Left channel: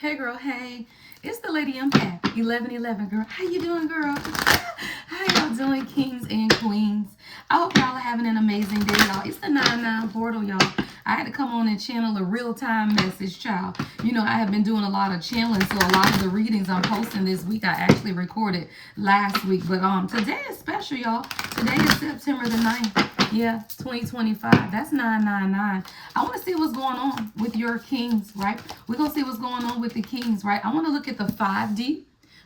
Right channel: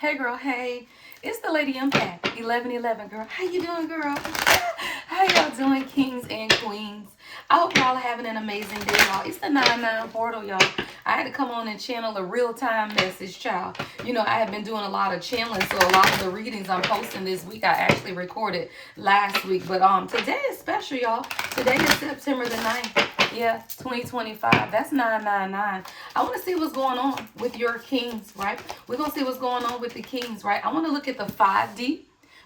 Hey girl, hey. It's the Lady Impact 1111 girl. How you doing, girl? How y'all doing, kings and queens? I hope y'all are having an amazing day, y'all. It's the 99 portal, y'all. I had to come on and channel a real-time message, child. You know, I have been doing a lot of channeling, so a lot of the readings I'm posting this week, I actually recorded last week. But today is special, y'all. Today is September the 9th. Yeah, 2025. That's 999. I want to see what's going on with your kings, right? We're going to see what's going on with the kings, right? I want to look at the 5D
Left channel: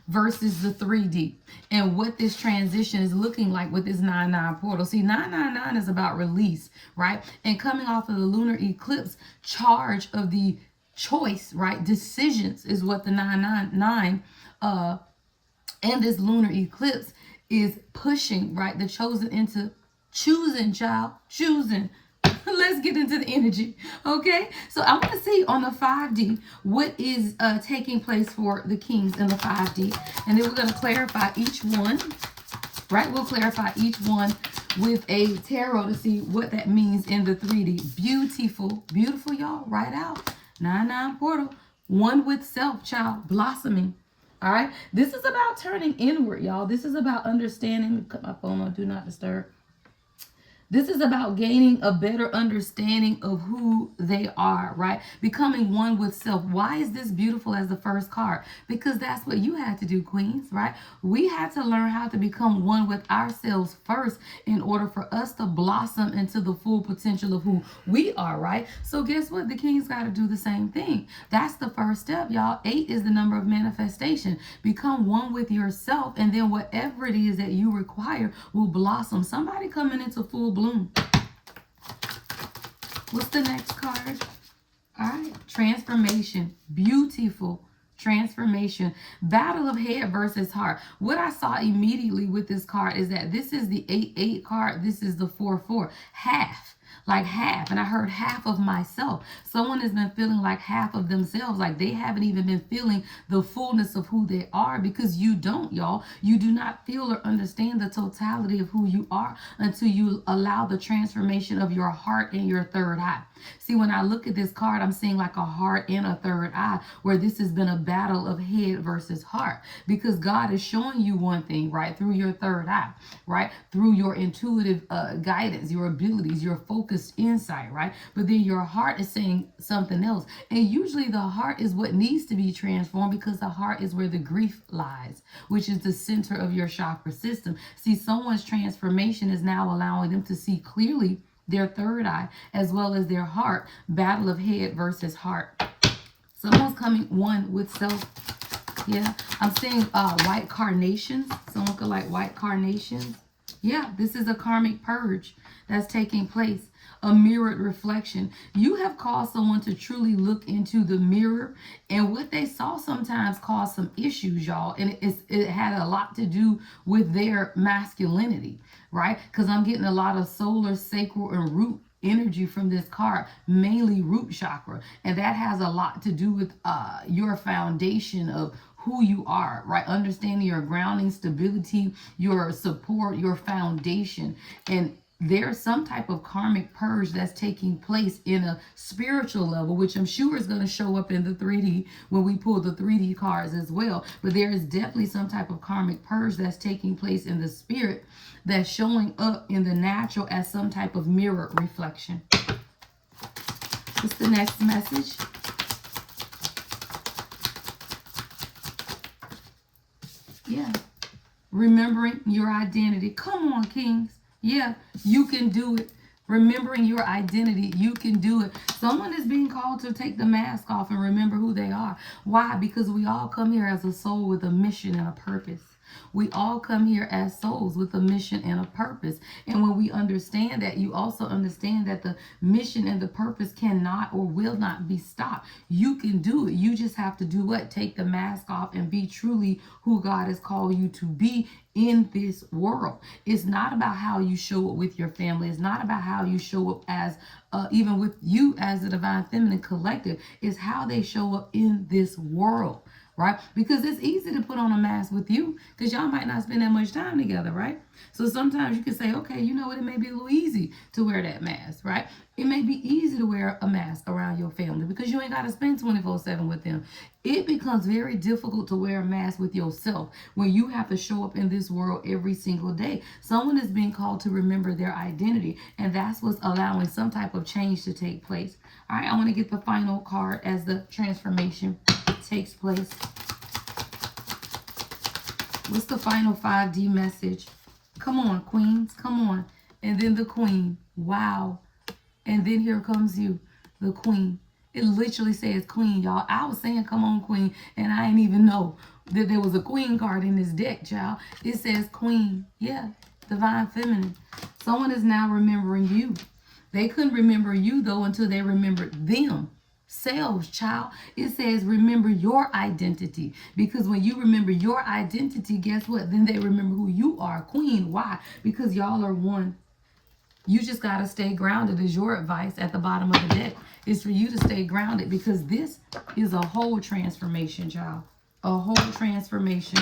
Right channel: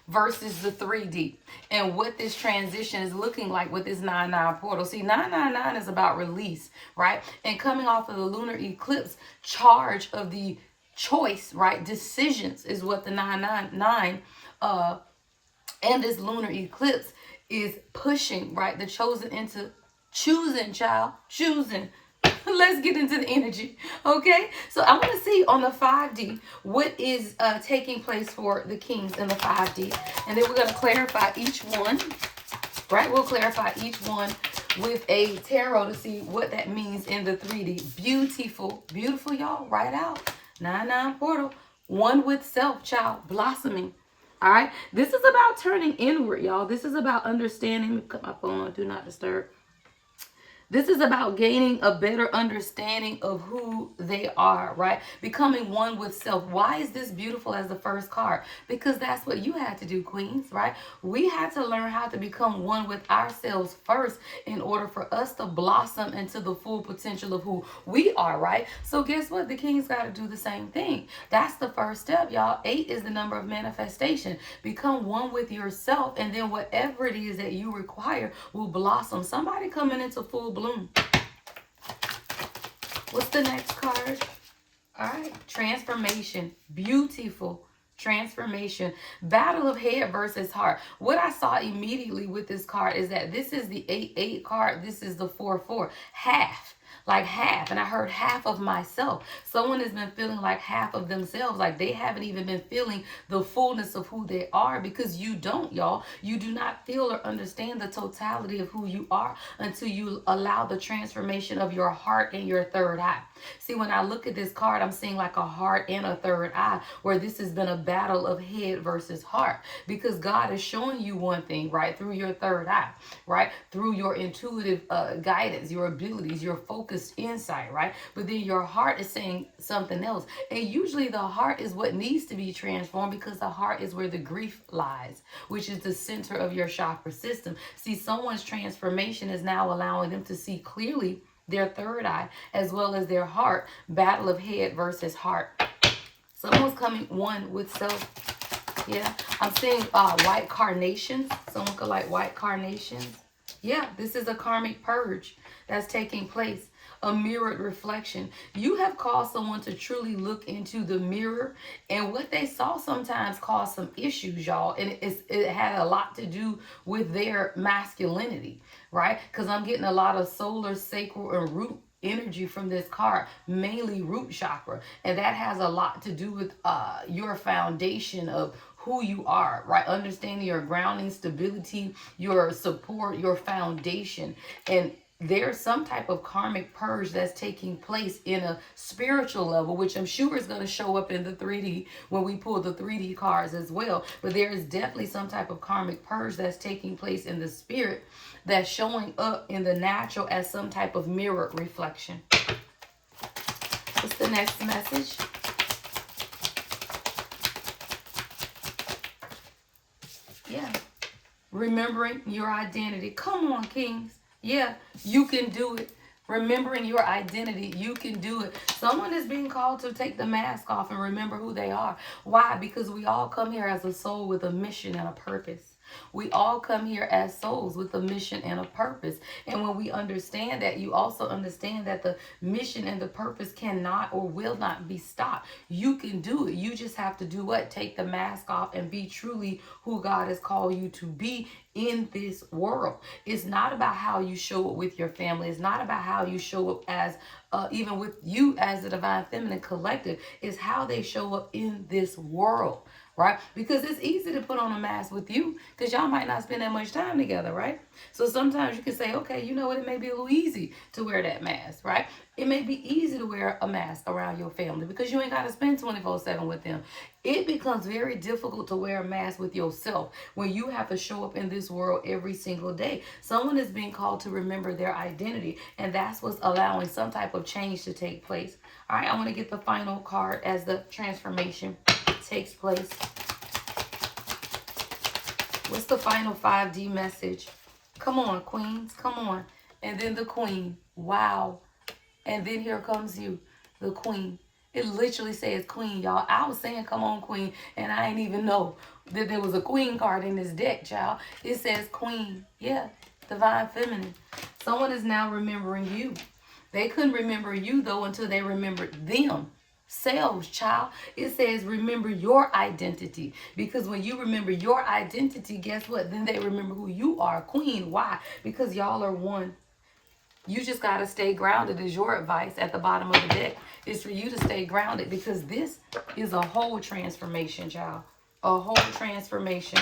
versus the 3D and what this transition is looking like with this 9-9 portal. See, 999 is about release, right? And coming off of the lunar eclipse, charge of the choice, right? Decisions is what the 999 and this lunar eclipse is pushing, right? The chosen into choosing, child, choosing. Let's get into the energy, okay? So I want to see on the 5D what is taking place for the kings in the 5D. And then we're going to clarify each one, right? We'll clarify each one with a tarot to see what that means in the 3D. Beautiful, beautiful, y'all. Right out. 9-9 portal. One with self, child, blossoming. All right? This is about turning inward, y'all. This is about understanding. Put my phone on Do Not Disturb. This is about gaining a better understanding of who they are, right? Becoming one with self. Why is this beautiful as the first card? Because that's what you had to do, queens, right? We had to learn how to become one with ourselves first in order for us to blossom into the full potential of who we are, right? So guess what? The kings got to do the same thing. That's the first step, y'all. 8 is the number of manifestation. Become one with yourself, and then whatever it is that you require will blossom. Somebody coming into full bloom. What's the next card? All right, transformation. Beautiful transformation. Battle of head versus heart. What I saw immediately with this card is that this is the 8-8 card. This is the 4-4. Half. Like half. And I heard half of myself. Someone has been feeling like half of themselves. Like they haven't even been feeling the fullness of who they are, because you don't, y'all. You do not feel or understand the totality of who you are until you allow the transformation of your heart and your third eye. See, when I look at this card, I'm seeing like a heart and a third eye, where this has been a battle of head versus heart, because God is showing you one thing, right, through your third eye, right, through your intuitive guidance, your abilities, your focused insight, right, but then your heart is saying something else. And usually the heart is what needs to be transformed, because the heart is where the grief lies, which is the center of your chakra system. See, someone's transformation is now allowing them to see clearly their third eye as well as their heart. Battle of head versus heart. Someone's coming one with self. Yeah, I'm seeing white carnations. Someone could like white carnations. Yeah, this is a karmic purge that's taking place. A mirrored reflection. You have caused someone to truly look into the mirror, and what they saw sometimes caused some issues, y'all. And it had a lot to do with their masculinity, right? Because I'm getting a lot of solar, sacral, and root energy from this card, mainly root chakra, and that has a lot to do with your foundation of who you are, right? Understanding your grounding, stability, your support, your foundation. And there's some type of karmic purge that's taking place in a spiritual level, which I'm sure is going to show up in the 3D when we pull the 3D cards as well. But there is definitely some type of karmic purge that's taking place in the spirit, that's showing up in the natural as some type of mirror reflection. What's the next message? Yeah. Remembering your identity. Come on, kings. Yeah, you can do it. Remembering your identity, you can do it. Someone is being called to take the mask off and remember who they are. Why? Because we all come here as a soul with a mission and a purpose. We all come here as souls with a mission and a purpose. And when we understand that, you also understand that the mission and the purpose cannot or will not be stopped. You can do it. You just have to do what? Take the mask off and be truly who God has called you to be in this world. It's not about how you show up with your family. It's not about how you show up as even with you as the divine feminine collective. It's how they show up in this world. right? Because it's easy to put on a mask with you because y'all might not spend that much time together, right? So sometimes you can say, okay, you know what, it may be a little easy to wear that mask, right? It may be easy to wear a mask around your family because you ain't got to spend 24/7 with them. It becomes very difficult to wear a mask with yourself when you have to show up in this world every single day. Someone is being called to remember their identity, and that's what's allowing some type of change to take place. All right, I want to get the final card as the transformation takes place. What's the final 5D message? Come on, queens, come on. And then the queen. Wow. And then here comes you, the queen. It literally says queen, y'all. I was saying, come on, queen, and I didn't even know that there was a queen card in this deck, child. It says queen. Yeah, divine feminine. Someone is now remembering you. They couldn't remember you, though, until they remembered themselves, child. It says remember your identity. Because when you remember your identity, guess what? Then they remember who you are, queen. Why? Because y'all are one. You just got to stay grounded is your advice at the bottom of the deck. It's for you to stay grounded because this is a whole transformation, child. A whole transformation.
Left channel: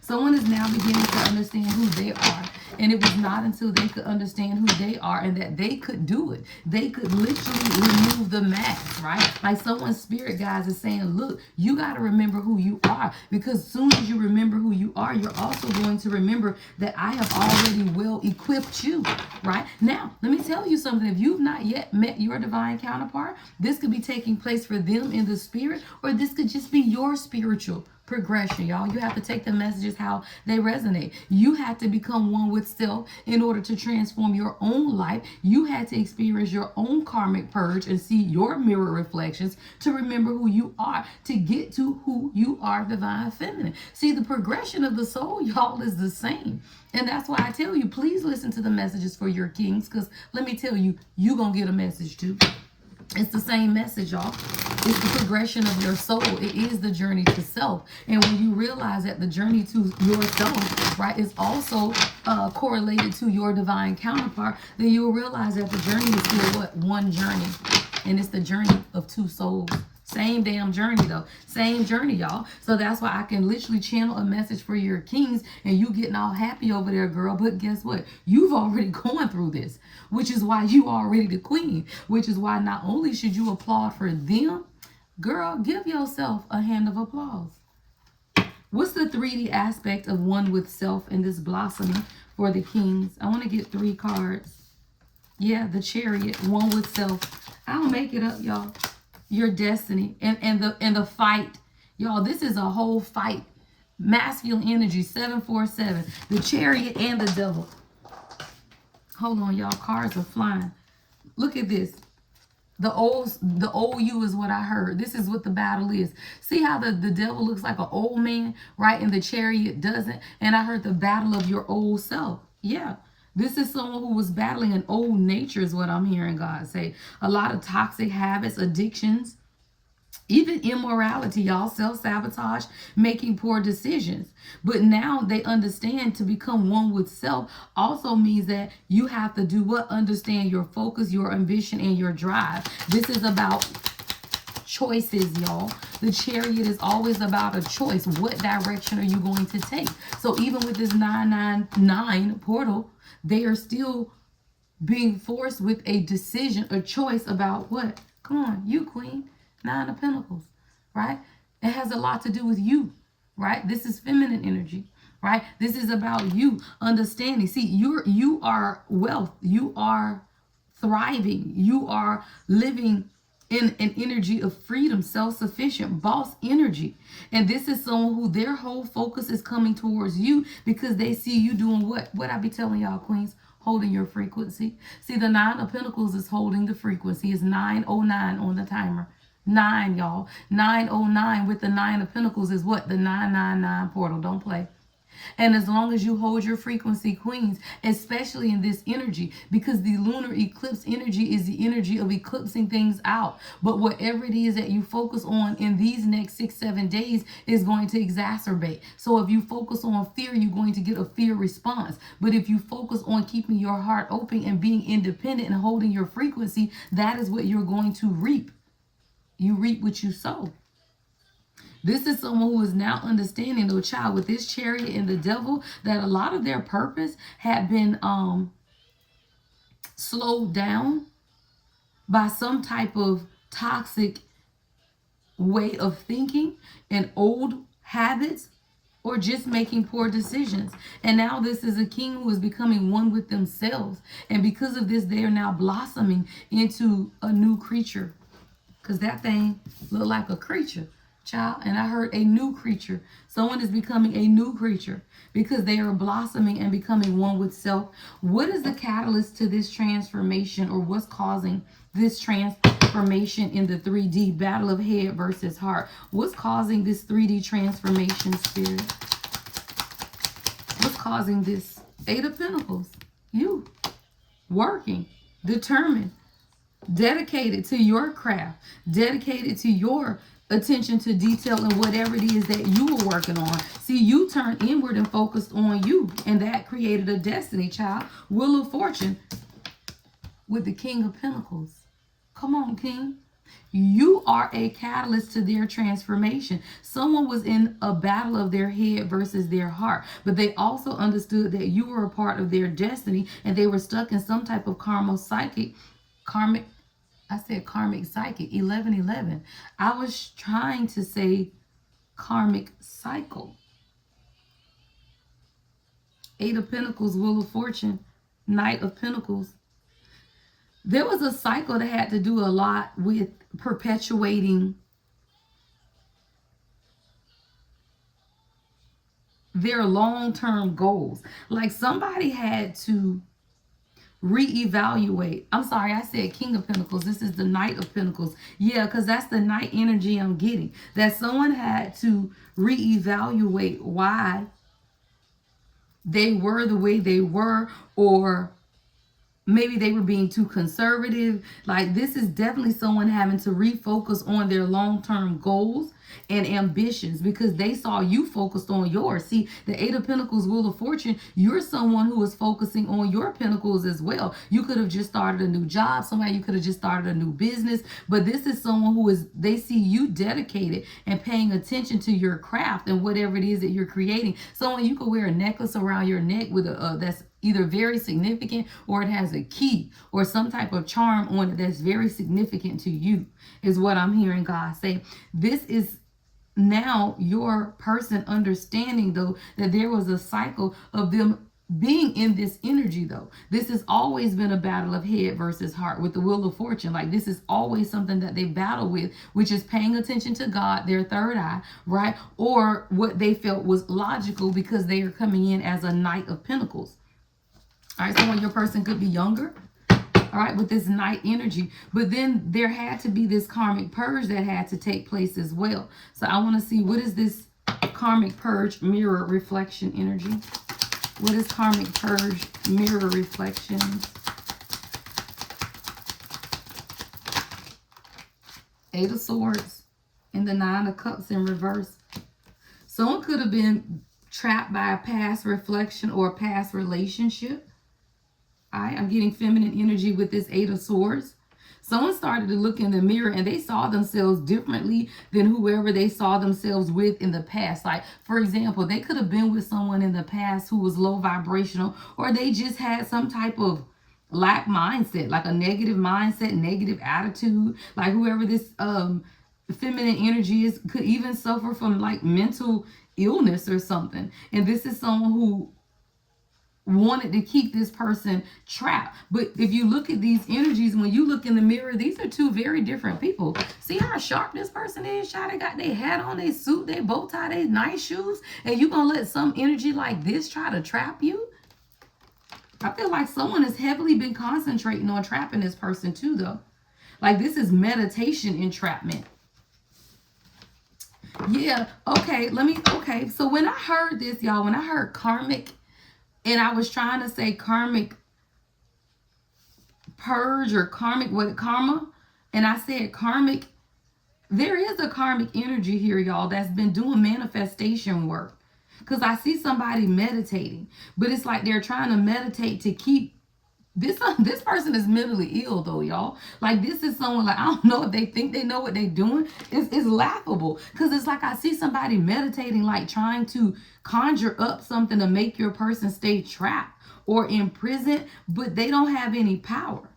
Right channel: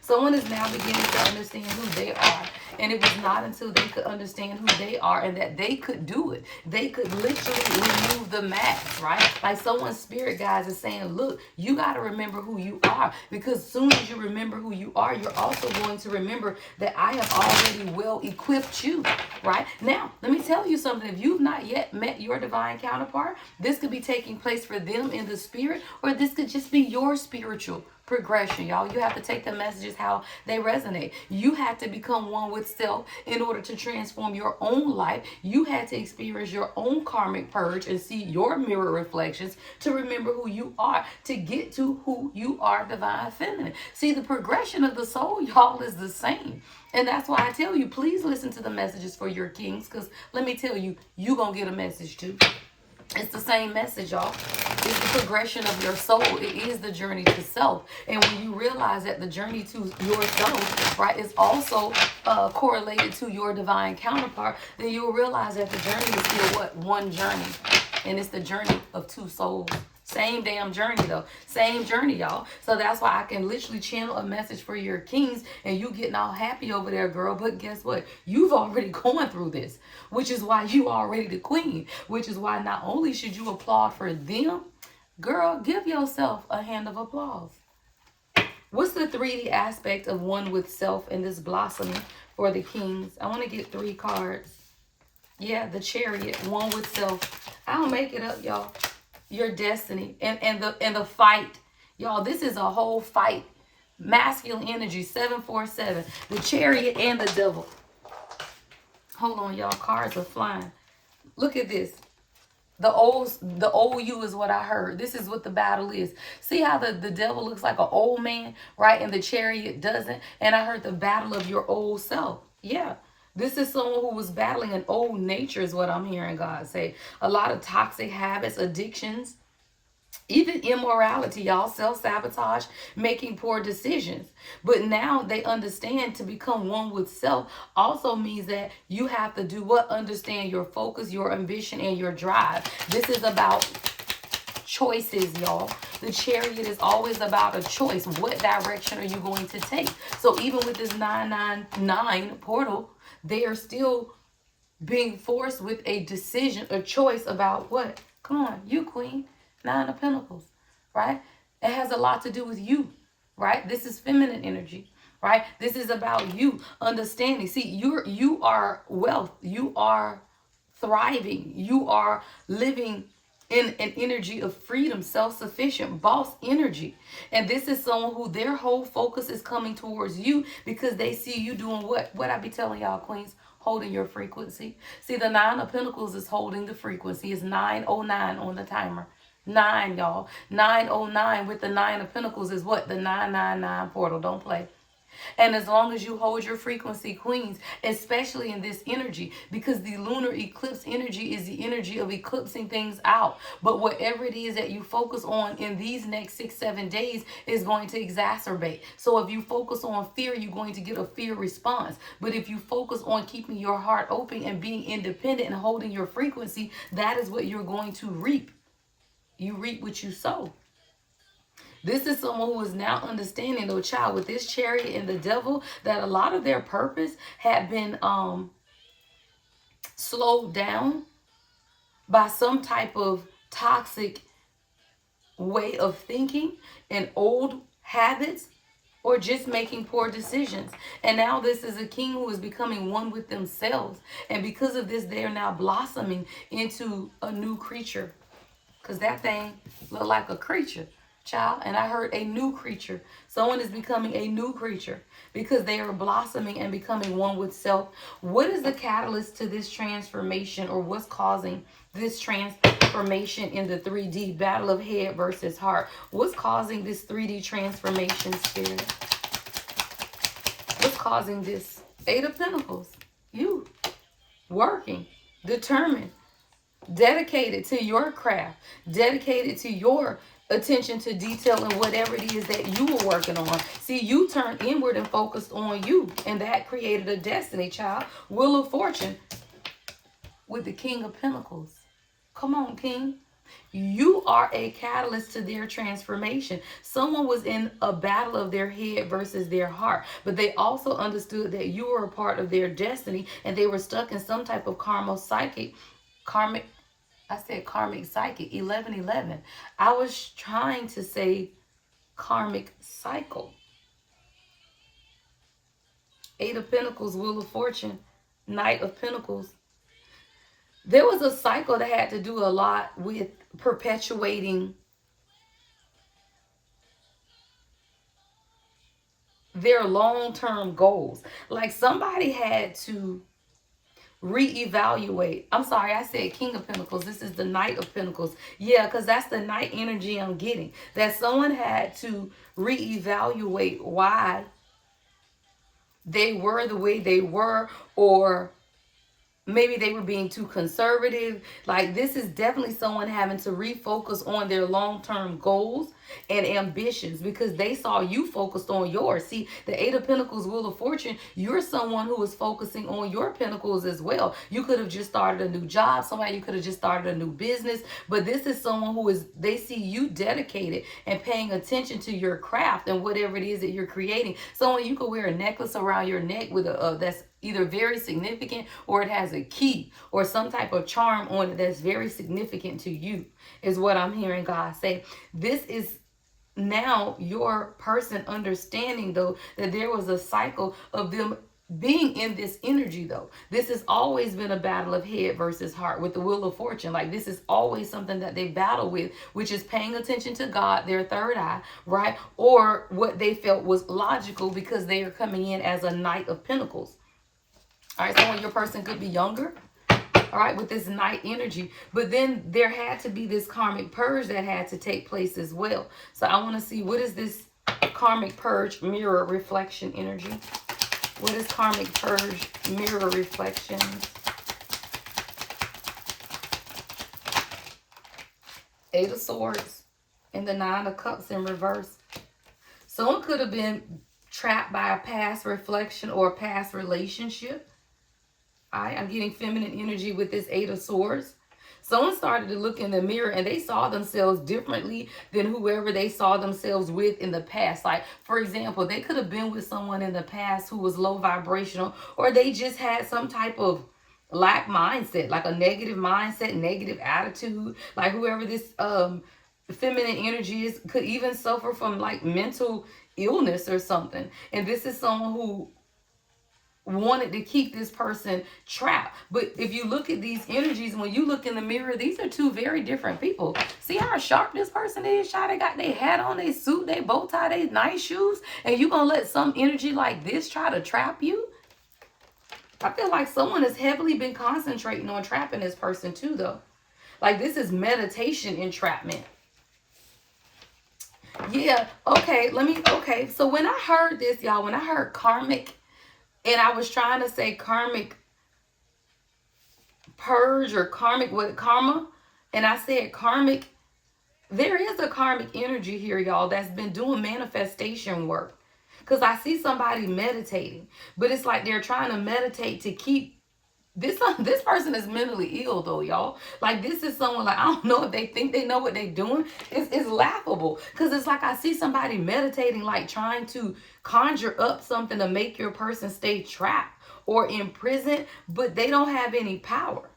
Someone is now beginning to understand who they are. And it was not until they could understand who they are and that they could do it. They could literally remove the mask, right? Like someone's spirit guides is saying, look, you got to remember who you are. Because as soon as you remember who you are, you're also going to remember that I have already well equipped you, right? Now, let me tell you something. If you've not yet met your divine counterpart, this could be taking place for them in the spirit, or this could just be your spiritual progression, y'all. You have to take the messages how they resonate. You had to become one with self in order to transform your own life. You had to experience your own karmic purge and see your mirror reflections to remember who you are, to get to who you are, divine feminine. See, the progression of the soul, y'all, is the same. And that's why I tell you, please listen to the messages for your kings, because let me tell you, you're going to get a message too. It's the same message, y'all. It's the progression of your soul. It is the journey to self. And when you realize that the journey to yourself, right, is also correlated to your divine counterpart, then you'll realize that the journey is still what? One journey. And it's the journey of two souls. Same damn journey, though. Same journey, y'all. So that's why I can literally channel a message for your kings and you getting all happy over there, girl. But guess what? You've already gone through this, which is why you already the queen, which is why not only should you applaud for them, girl, give yourself a hand of applause. What's the 3D aspect of one with self in this blossoming for the kings? I want to get 3 cards. Yeah, the Chariot, one with self. I'll make it up, y'all. Your destiny and the fight, y'all. This is a whole fight. Masculine energy, 747. The Chariot and the Devil. Hold on, y'all. Cards are flying. Look at this. The old you is what I heard. This is what the battle is. See how the devil looks like an old man, right? And the Chariot doesn't. And I heard the battle of your old self. Yeah. This is someone who was battling an old nature is what I'm hearing God say. A lot of toxic habits, addictions, even immorality, y'all, self-sabotage, making poor decisions. But now they understand to become one with self also means that you have to do what? Understand your focus, your ambition, and your drive. This is about choices, y'all. The Chariot is always about a choice. What direction are you going to take? So even with this 999 portal, they are still being forced with a decision, a choice about what? Come on, you queen. 9 of Pentacles, right? It has a lot to do with you, right? This is feminine energy, right? This is about you understanding. See, you are wealth. You are thriving. You are living in an energy of freedom, self-sufficient, boss energy. And this is someone who their whole focus is coming towards you because they see you doing what? What I be telling y'all, queens, holding your frequency. See, the 9 of Pentacles is holding the frequency. It's 909 on the timer. 9, y'all. 909 with the 9 of Pentacles is what? The 999 portal. Don't play. And as long as you hold your frequency, queens, especially in this energy, because the lunar eclipse energy is the energy of eclipsing things out. But whatever it is that you focus on in these next 6-7 days is going to exacerbate. So if you focus on fear, you're going to get a fear response. But if you focus on keeping your heart open and being independent and holding your frequency, that is what you're going to reap. You reap what you sow. This is someone who is now understanding, though, child, with this Chariot and the Devil, that a lot of their purpose had been slowed down by some type of toxic way of thinking and old habits, or just making poor decisions. And now this is a king who is becoming one with themselves. And because of this, they are now blossoming into a new creature. Because that thing looked like a creature, child. And I heard a new creature. Someone is becoming a new creature because they are blossoming and becoming one with self. What is the catalyst to this transformation, or what's causing this transformation in the 3D battle of head versus heart? What's causing this 3D transformation, Spirit? What's causing this? 8 of Pentacles. You. Working. Determined. Dedicated to your craft. Dedicated to your attention to detail and whatever it is that you were working on. See, you turned inward and focused on you. And that created a destiny, child. Wheel of Fortune with the King of Pentacles. Come on, King. You are a catalyst to their transformation. Someone was in a battle of their head versus their heart, but they also understood that you were a part of their destiny, and they were stuck in some type of karmic psychic 1111. I was trying to say karmic cycle. 8 of Pentacles, Wheel of Fortune, Knight of Pentacles. There was a cycle that had to do a lot with perpetuating their long-term goals. Like somebody had to reevaluate. I'm sorry, I said King of Pentacles. This is the Knight of Pentacles. Yeah, because that's the Knight energy I'm getting. That someone had to reevaluate why they were the way they were, or maybe they were being too conservative. Like, this is definitely someone having to refocus on their long-term goals and ambitions, because they saw you focused on yours. See, the 8 of Pentacles, Wheel of Fortune, you're someone who is focusing on your pentacles as well. You could have just started a new job. Somebody, you could have just started a new business. But this is someone who is, they see you dedicated and paying attention to your craft and whatever it is that you're creating. Someone, you could wear a necklace around your neck with a that's either very significant, or it has a key or some type of charm on it that's very significant to you, is what I'm hearing God say. This is now your person understanding, though, that there was a cycle of them being in this energy, though. This has always been a battle of head versus heart with the Wheel of Fortune. Like, this is always something that they battle with, which is paying attention to God, their third eye, right? Or what they felt was logical because they are coming in as a Knight of Pentacles. All right, someone, your person could be younger, all right, with this Knight energy. But then there had to be this karmic purge that had to take place as well. So I want to see, what is this karmic purge, mirror, reflection energy? What is karmic purge, mirror, reflection? Eight of Swords and the Nine of Cups in reverse. Someone could have been trapped by a past reflection or a past relationship. I'm getting feminine energy with this Eight of Swords. Someone started to look in the mirror and they saw themselves differently than whoever they saw themselves with in the past. Like, for example, they could have been with someone in the past who was low vibrational, or they just had some type of lack mindset, like a negative mindset, negative attitude. Like, whoever this feminine energy is could even suffer from like mental illness or something. And this is someone who wanted to keep this person trapped. But if you look at these energies, when you look in the mirror, these are two very different people. See how sharp this person is? Child, they got their hat on, their suit, their bow tie, their nice shoes, and you gonna let some energy like this try to trap you? I feel like someone has heavily been concentrating on trapping this person too, though. Like, this is meditation entrapment. Yeah, okay, okay. So when I heard this, y'all, when I heard karmic, and I was trying to say karmic purge or karmic, what, karma? And I said karmic, there is a karmic energy here, y'all, that's been doing manifestation work. Because I see somebody meditating, but it's like they're trying to meditate to keep This person is mentally ill though, y'all. Like, this is someone, like, I don't know if they think they know what they're doing. It's laughable, because it's like I see somebody meditating, like trying to conjure up something to make your person stay trapped or imprisoned, but they don't have any power.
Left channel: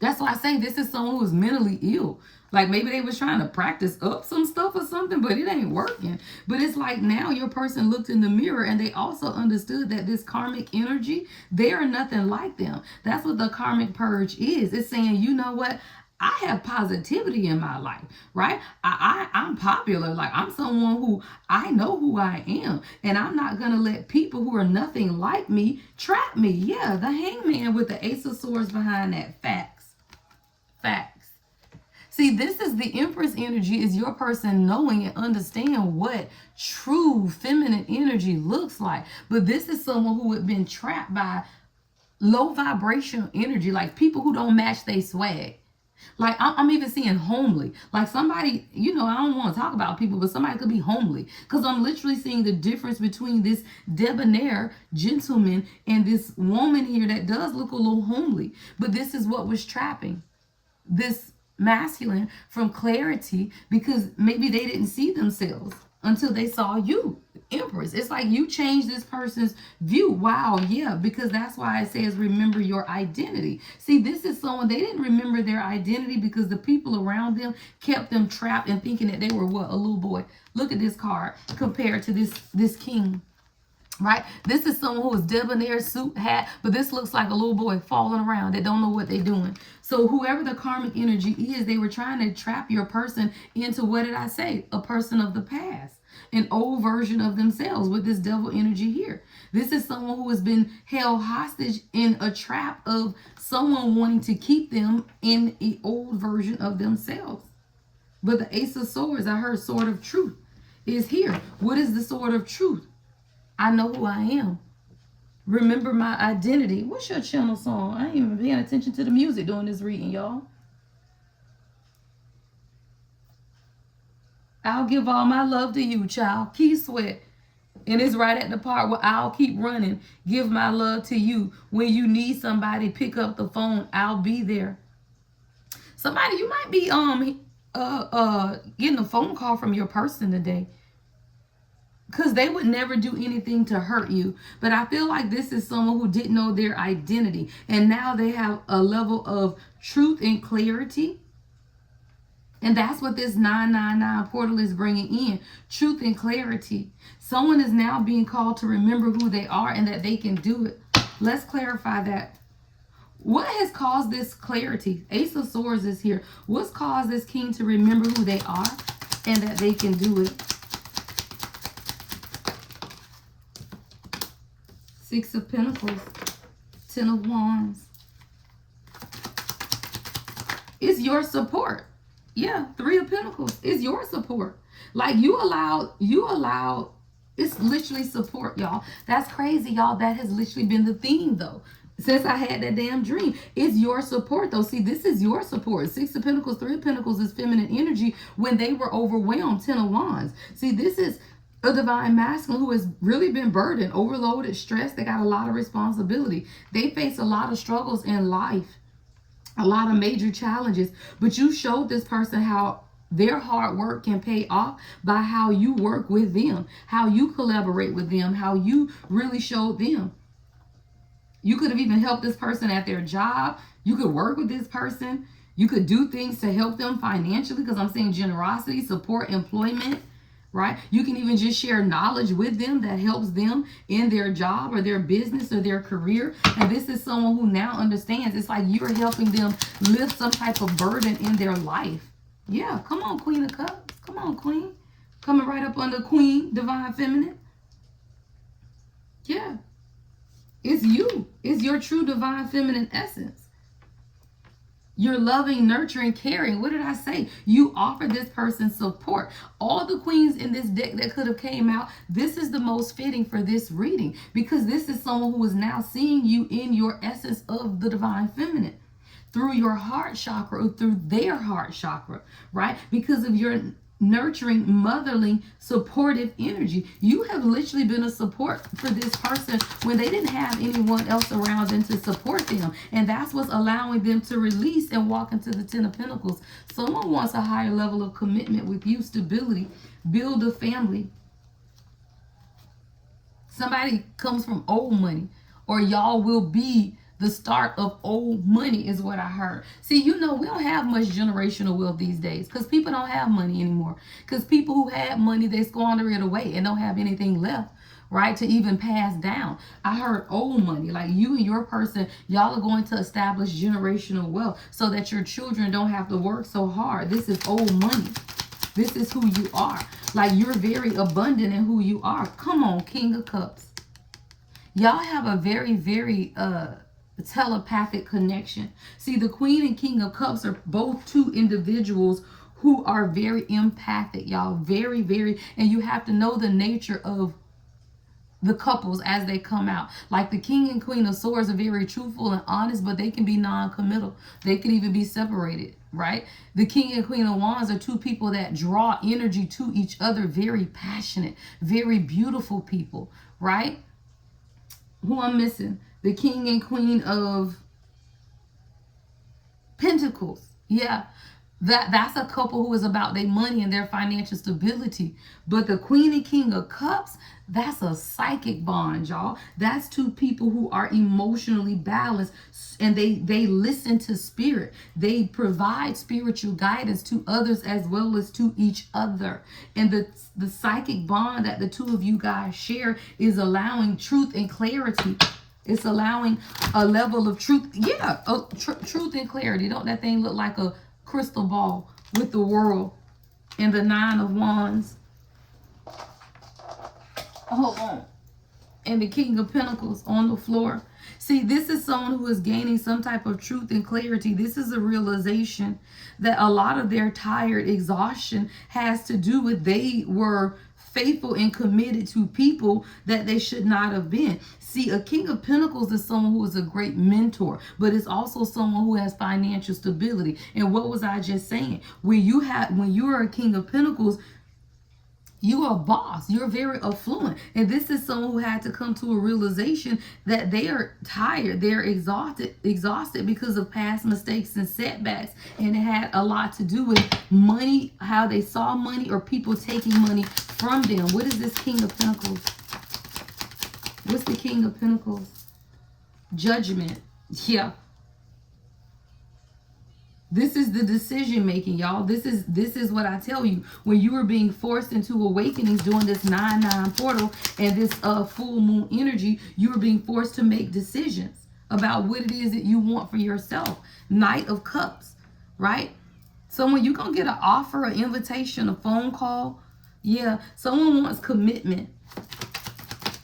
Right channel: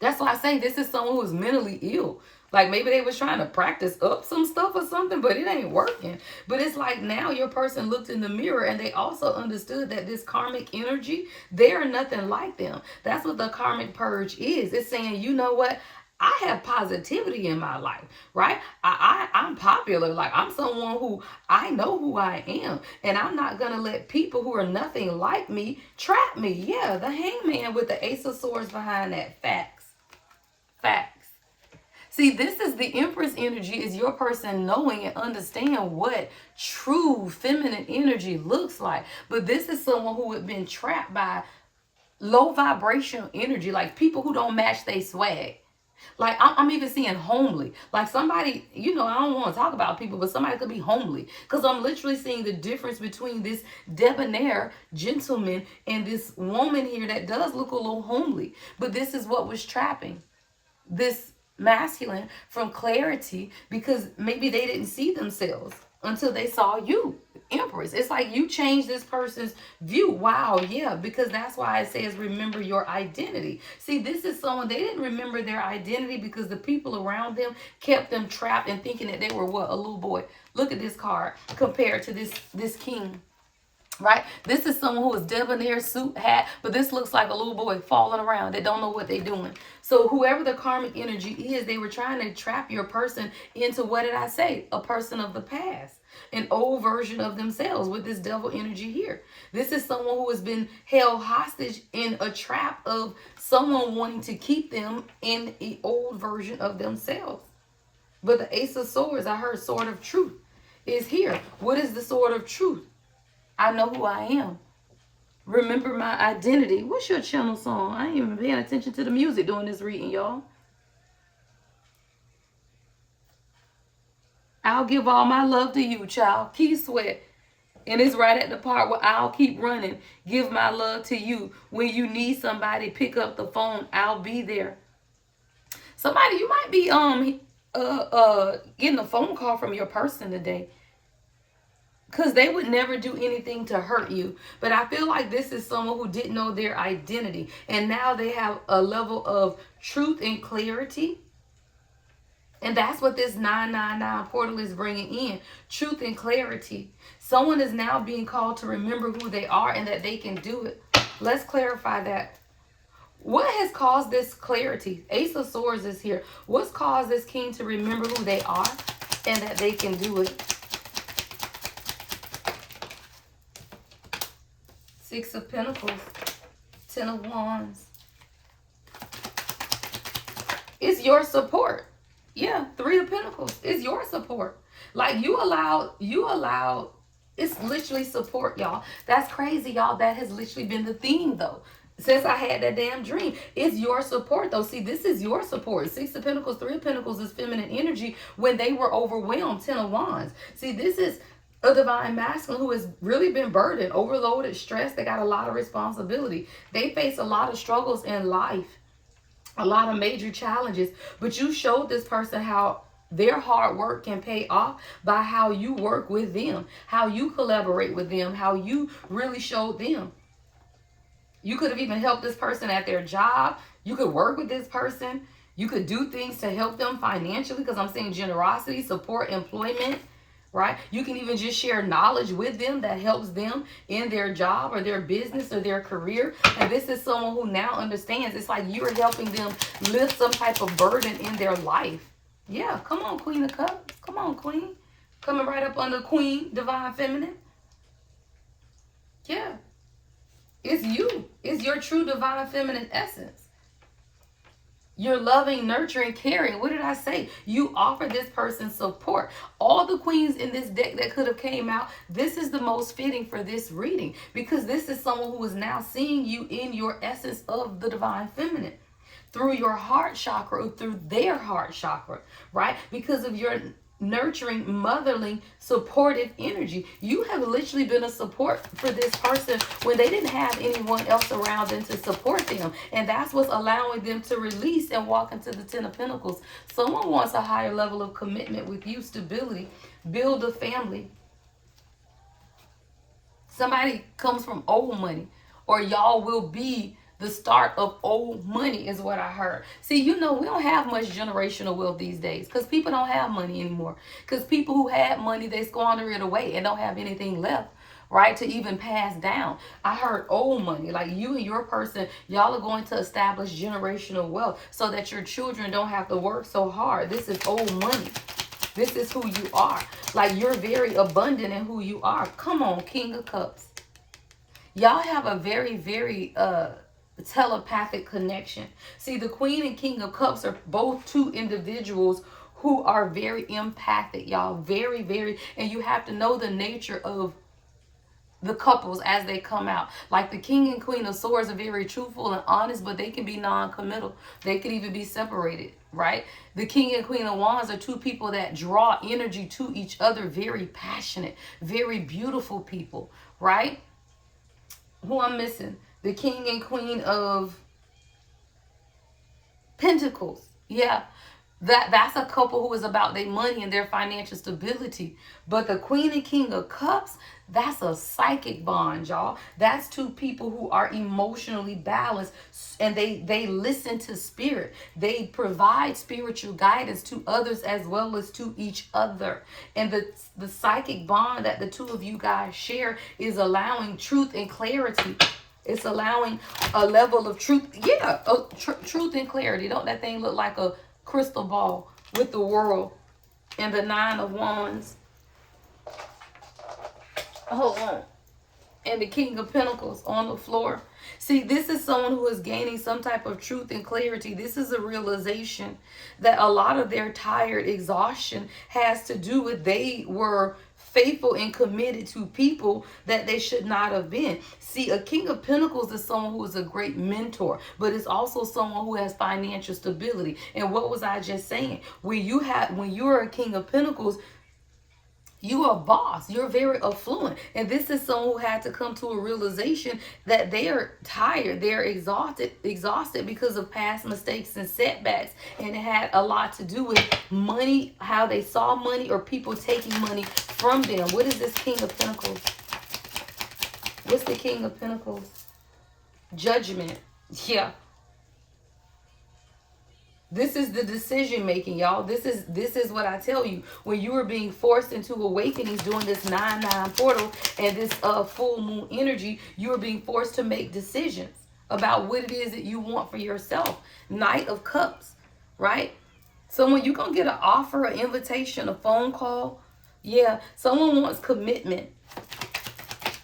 That's why I say this is someone who's mentally ill. Like, maybe they was trying to practice up some stuff or something, but it ain't working. But it's like now your person looked in the mirror and they also understood that this karmic energy, they are nothing like them. That's what the karmic purge is. It's saying, you know what? I have positivity in my life, right? I'm popular. Like, I'm someone who, I know who I am. And I'm not going to let people who are nothing like me trap me. Yeah, the hangman with the ace of swords behind that. Facts. See, this is the Empress energy, is your person knowing and understand what true feminine energy looks like. But this is someone who had been trapped by low vibrational energy, like people who don't match their swag. Like, I'm even seeing homely. Like, somebody, you know, I don't want to talk about people, but somebody could be homely. Because I'm literally seeing the difference between this debonair gentleman and this woman here that does look a little homely. But this is what was trapping this masculine from clarity, because maybe they didn't see themselves until they saw you, Empress. It's like you changed this person's view. Wow, yeah, because that's why it says remember your identity. See, this is someone, they didn't remember their identity because the people around them kept them trapped and thinking that they were what? A little boy. Look at this card compared to this king. Right? This is someone who is debonair, suit, hat, but this looks like a little boy falling around that don't know what they're doing. So whoever the karmic energy is, they were trying to trap your person into, what did I say? A person of the past, an old version of themselves with this devil energy here. This is someone who has been held hostage in a trap of someone wanting to keep them in an old version of themselves. But the Ace of Swords, I heard sword of truth, is here. What is the sword of truth? I know who I am. Remember my identity. What's your channel song? I ain't even paying attention to the music during this reading, y'all. I'll give all my love to you, child. Key Sweat. And it's right at the part where I'll keep running. Give my love to you. When you need somebody, pick up the phone. I'll be there. Somebody, you might be getting a phone call from your person today, because they would never do anything to hurt you. But I feel like this is someone who didn't know their identity. And now they have a level of truth and clarity. And that's what this 999 portal is bringing in. Truth and clarity. Someone is now being called to remember who they are and that they can do it. Let's clarify that. What has caused this clarity? Ace of Swords is here. What's caused this king to remember who they are and that they can do it? Six of Pentacles, Ten of Wands. It's your support. Yeah, Three of Pentacles. It's your support. Like, you allow, it's literally support, y'all. That's crazy, y'all. That has literally been the theme, though, since I had that damn dream. It's your support, though. See, this is your support. Six of Pentacles, Three of Pentacles is feminine energy when they were overwhelmed. Ten of Wands. See, this is a divine masculine who has really been burdened, overloaded, stressed. They got a lot of responsibility. They face a lot of struggles in life, a lot of major challenges. But you showed this person how their hard work can pay off by how you work with them, how you collaborate with them, how you really showed them. You could have even helped this person at their job. You could work with this person. You could do things to help them financially, because I'm seeing generosity, support, employment. Right? You can even just share knowledge with them that helps them in their job or their business or their career. And this is someone who now understands. It's like you're helping them lift some type of burden in their life. Yeah, come on, Queen of Cups. Come on, Queen. Coming right up under Queen, Divine Feminine. Yeah. It's you. It's your true Divine Feminine essence. You're loving, nurturing, caring. What did I say? You offer this person support. All the queens in this deck that could have came out, this is the most fitting for this reading, because this is someone who is now seeing you in your essence of the Divine Feminine through your heart chakra or through their heart chakra, right? Because of your nurturing, motherly, supportive energy. You have literally been a support for this person when they didn't have anyone else around them to support them. And that's what's allowing them to release and walk into the Ten of Pentacles. Someone wants a higher level of commitment with you, stability, build a family. Somebody comes from old money, or y'all will be the start of old money is what I heard. See, we don't have much generational wealth these days because people don't have money anymore. Because people who had money, they squander it away and don't have anything left, right, to even pass down. I heard old money, like you and your person, y'all are going to establish generational wealth so that your children don't have to work so hard. This is old money. This is who you are. Like, you're very abundant in who you are. Come on, King of Cups. Y'all have a very, very telepathic connection. See, the Queen and King of Cups are both two individuals who are very empathic, y'all. Very, very. And you have to know the nature of the couples as they come out. Like the King and Queen of Swords are very truthful and honest, but they can be non-committal. They could even be separated, right? The King and Queen of Wands are two people that draw energy to each other, very passionate, very beautiful people, right? Who I'm missing? The King and Queen of Pentacles. Yeah. That's a couple who is about their money and their financial stability. But the Queen and King of Cups, that's a psychic bond, y'all. That's two people who are emotionally balanced, and they listen to spirit. They provide spiritual guidance to others as well as to each other. And the psychic bond that the two of you guys share is allowing truth and clarity. It's allowing a level of truth. Yeah, truth and clarity. Don't that thing look like a crystal ball with the world and the Nine of Wands? Hold on. And the King of Pentacles on the floor. See, this is someone who is gaining some type of truth and clarity. This is a realization that a lot of their tired exhaustion has to do with they were faithful and committed to people that they should not have been. See, a King of Pentacles is someone who is a great mentor, but it's also someone who has financial stability. And what was I just saying? When you're a King of Pentacles, you are a boss. You're very affluent. And this is someone who had to come to a realization that they are tired. They're exhausted because of past mistakes and setbacks. And it had a lot to do with money, how they saw money, or people taking money from them. What is this King of Pentacles? What's the King of Pentacles? Judgment. Yeah. This is the decision making, y'all. This is what I tell you. When you are being forced into awakenings during this 9/9 portal and this full moon energy, you are being forced to make decisions about what it is that you want for yourself. Knight of Cups, right? So when you're going to get an offer, an invitation, a phone call, yeah, someone wants commitment.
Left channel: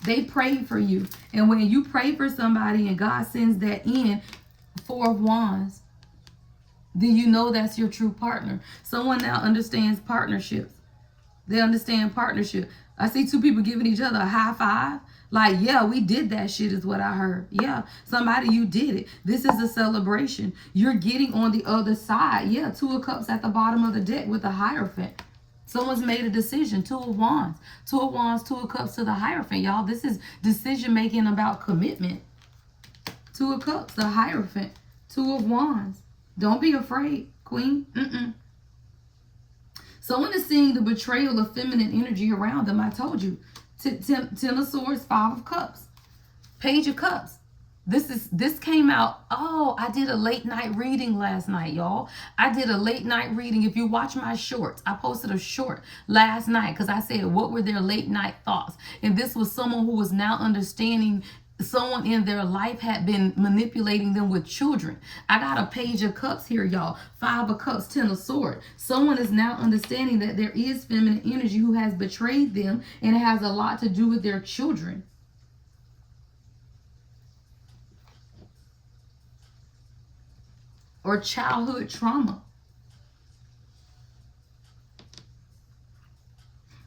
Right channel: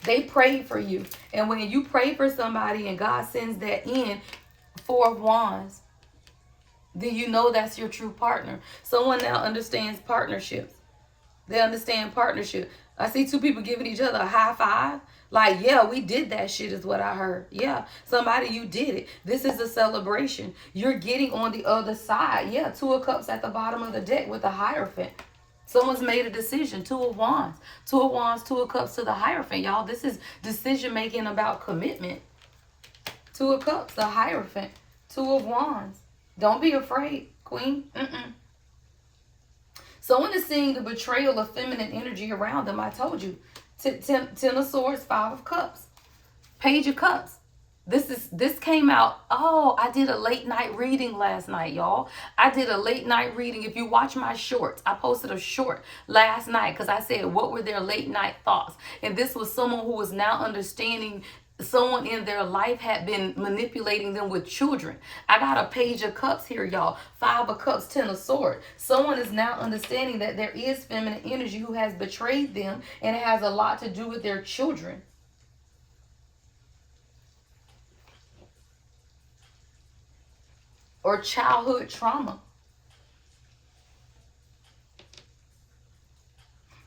They pray for you. And when you pray for somebody and God sends that in, Four of Wands, then you know that's your true partner. Someone now understands partnerships. They understand partnership. I see two people giving each other a high five. Like, yeah, we did that shit is what I heard. Yeah, somebody, you did it. This is a celebration. You're getting on the other side. Yeah, Two of Cups at the bottom of the deck with the Hierophant. Someone's made a decision. Two of Wands. Two of Wands, Two of Cups to the Hierophant. Y'all, this is decision making about commitment. Two of Cups, the Hierophant. Two of Wands. Don't be afraid, Queen. Someone is seeing the betrayal of feminine energy around them. I told you. Ten of Swords, Five of Cups. Page of Cups. This came out. Oh, I did a late night reading last night, y'all. I did a late night reading. If you watch my shorts, I posted a short last night because I said, what were their late night thoughts? And this was someone who was now understanding someone in their life had been manipulating them with children. I got a Page of Cups here, y'all. Five of Cups, Ten of Swords. Someone is now understanding that there is feminine energy who has betrayed them, and it has a lot to do with their children. Or childhood trauma.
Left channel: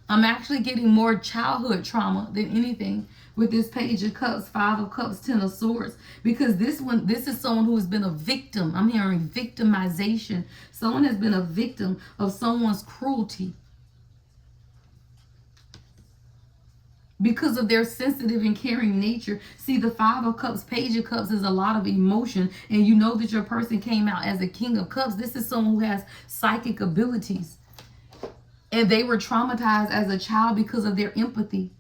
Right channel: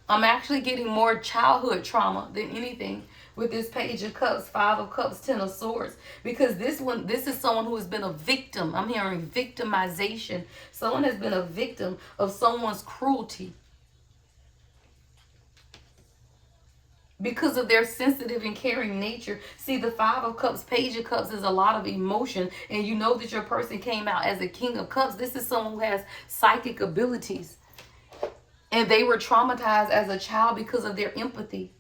I'm actually getting more childhood trauma than anything with this Page of Cups, Five of Cups, Ten of Swords. Because this is someone who has been a victim. I'm hearing victimization. Someone has been a victim of someone's cruelty. because of their sensitive and caring nature. See, the Five of Cups, Page of Cups is a lot of emotion, and you know that your person came out as a King of Cups. This is someone who has psychic abilities, and they were traumatized as a child because of their empathy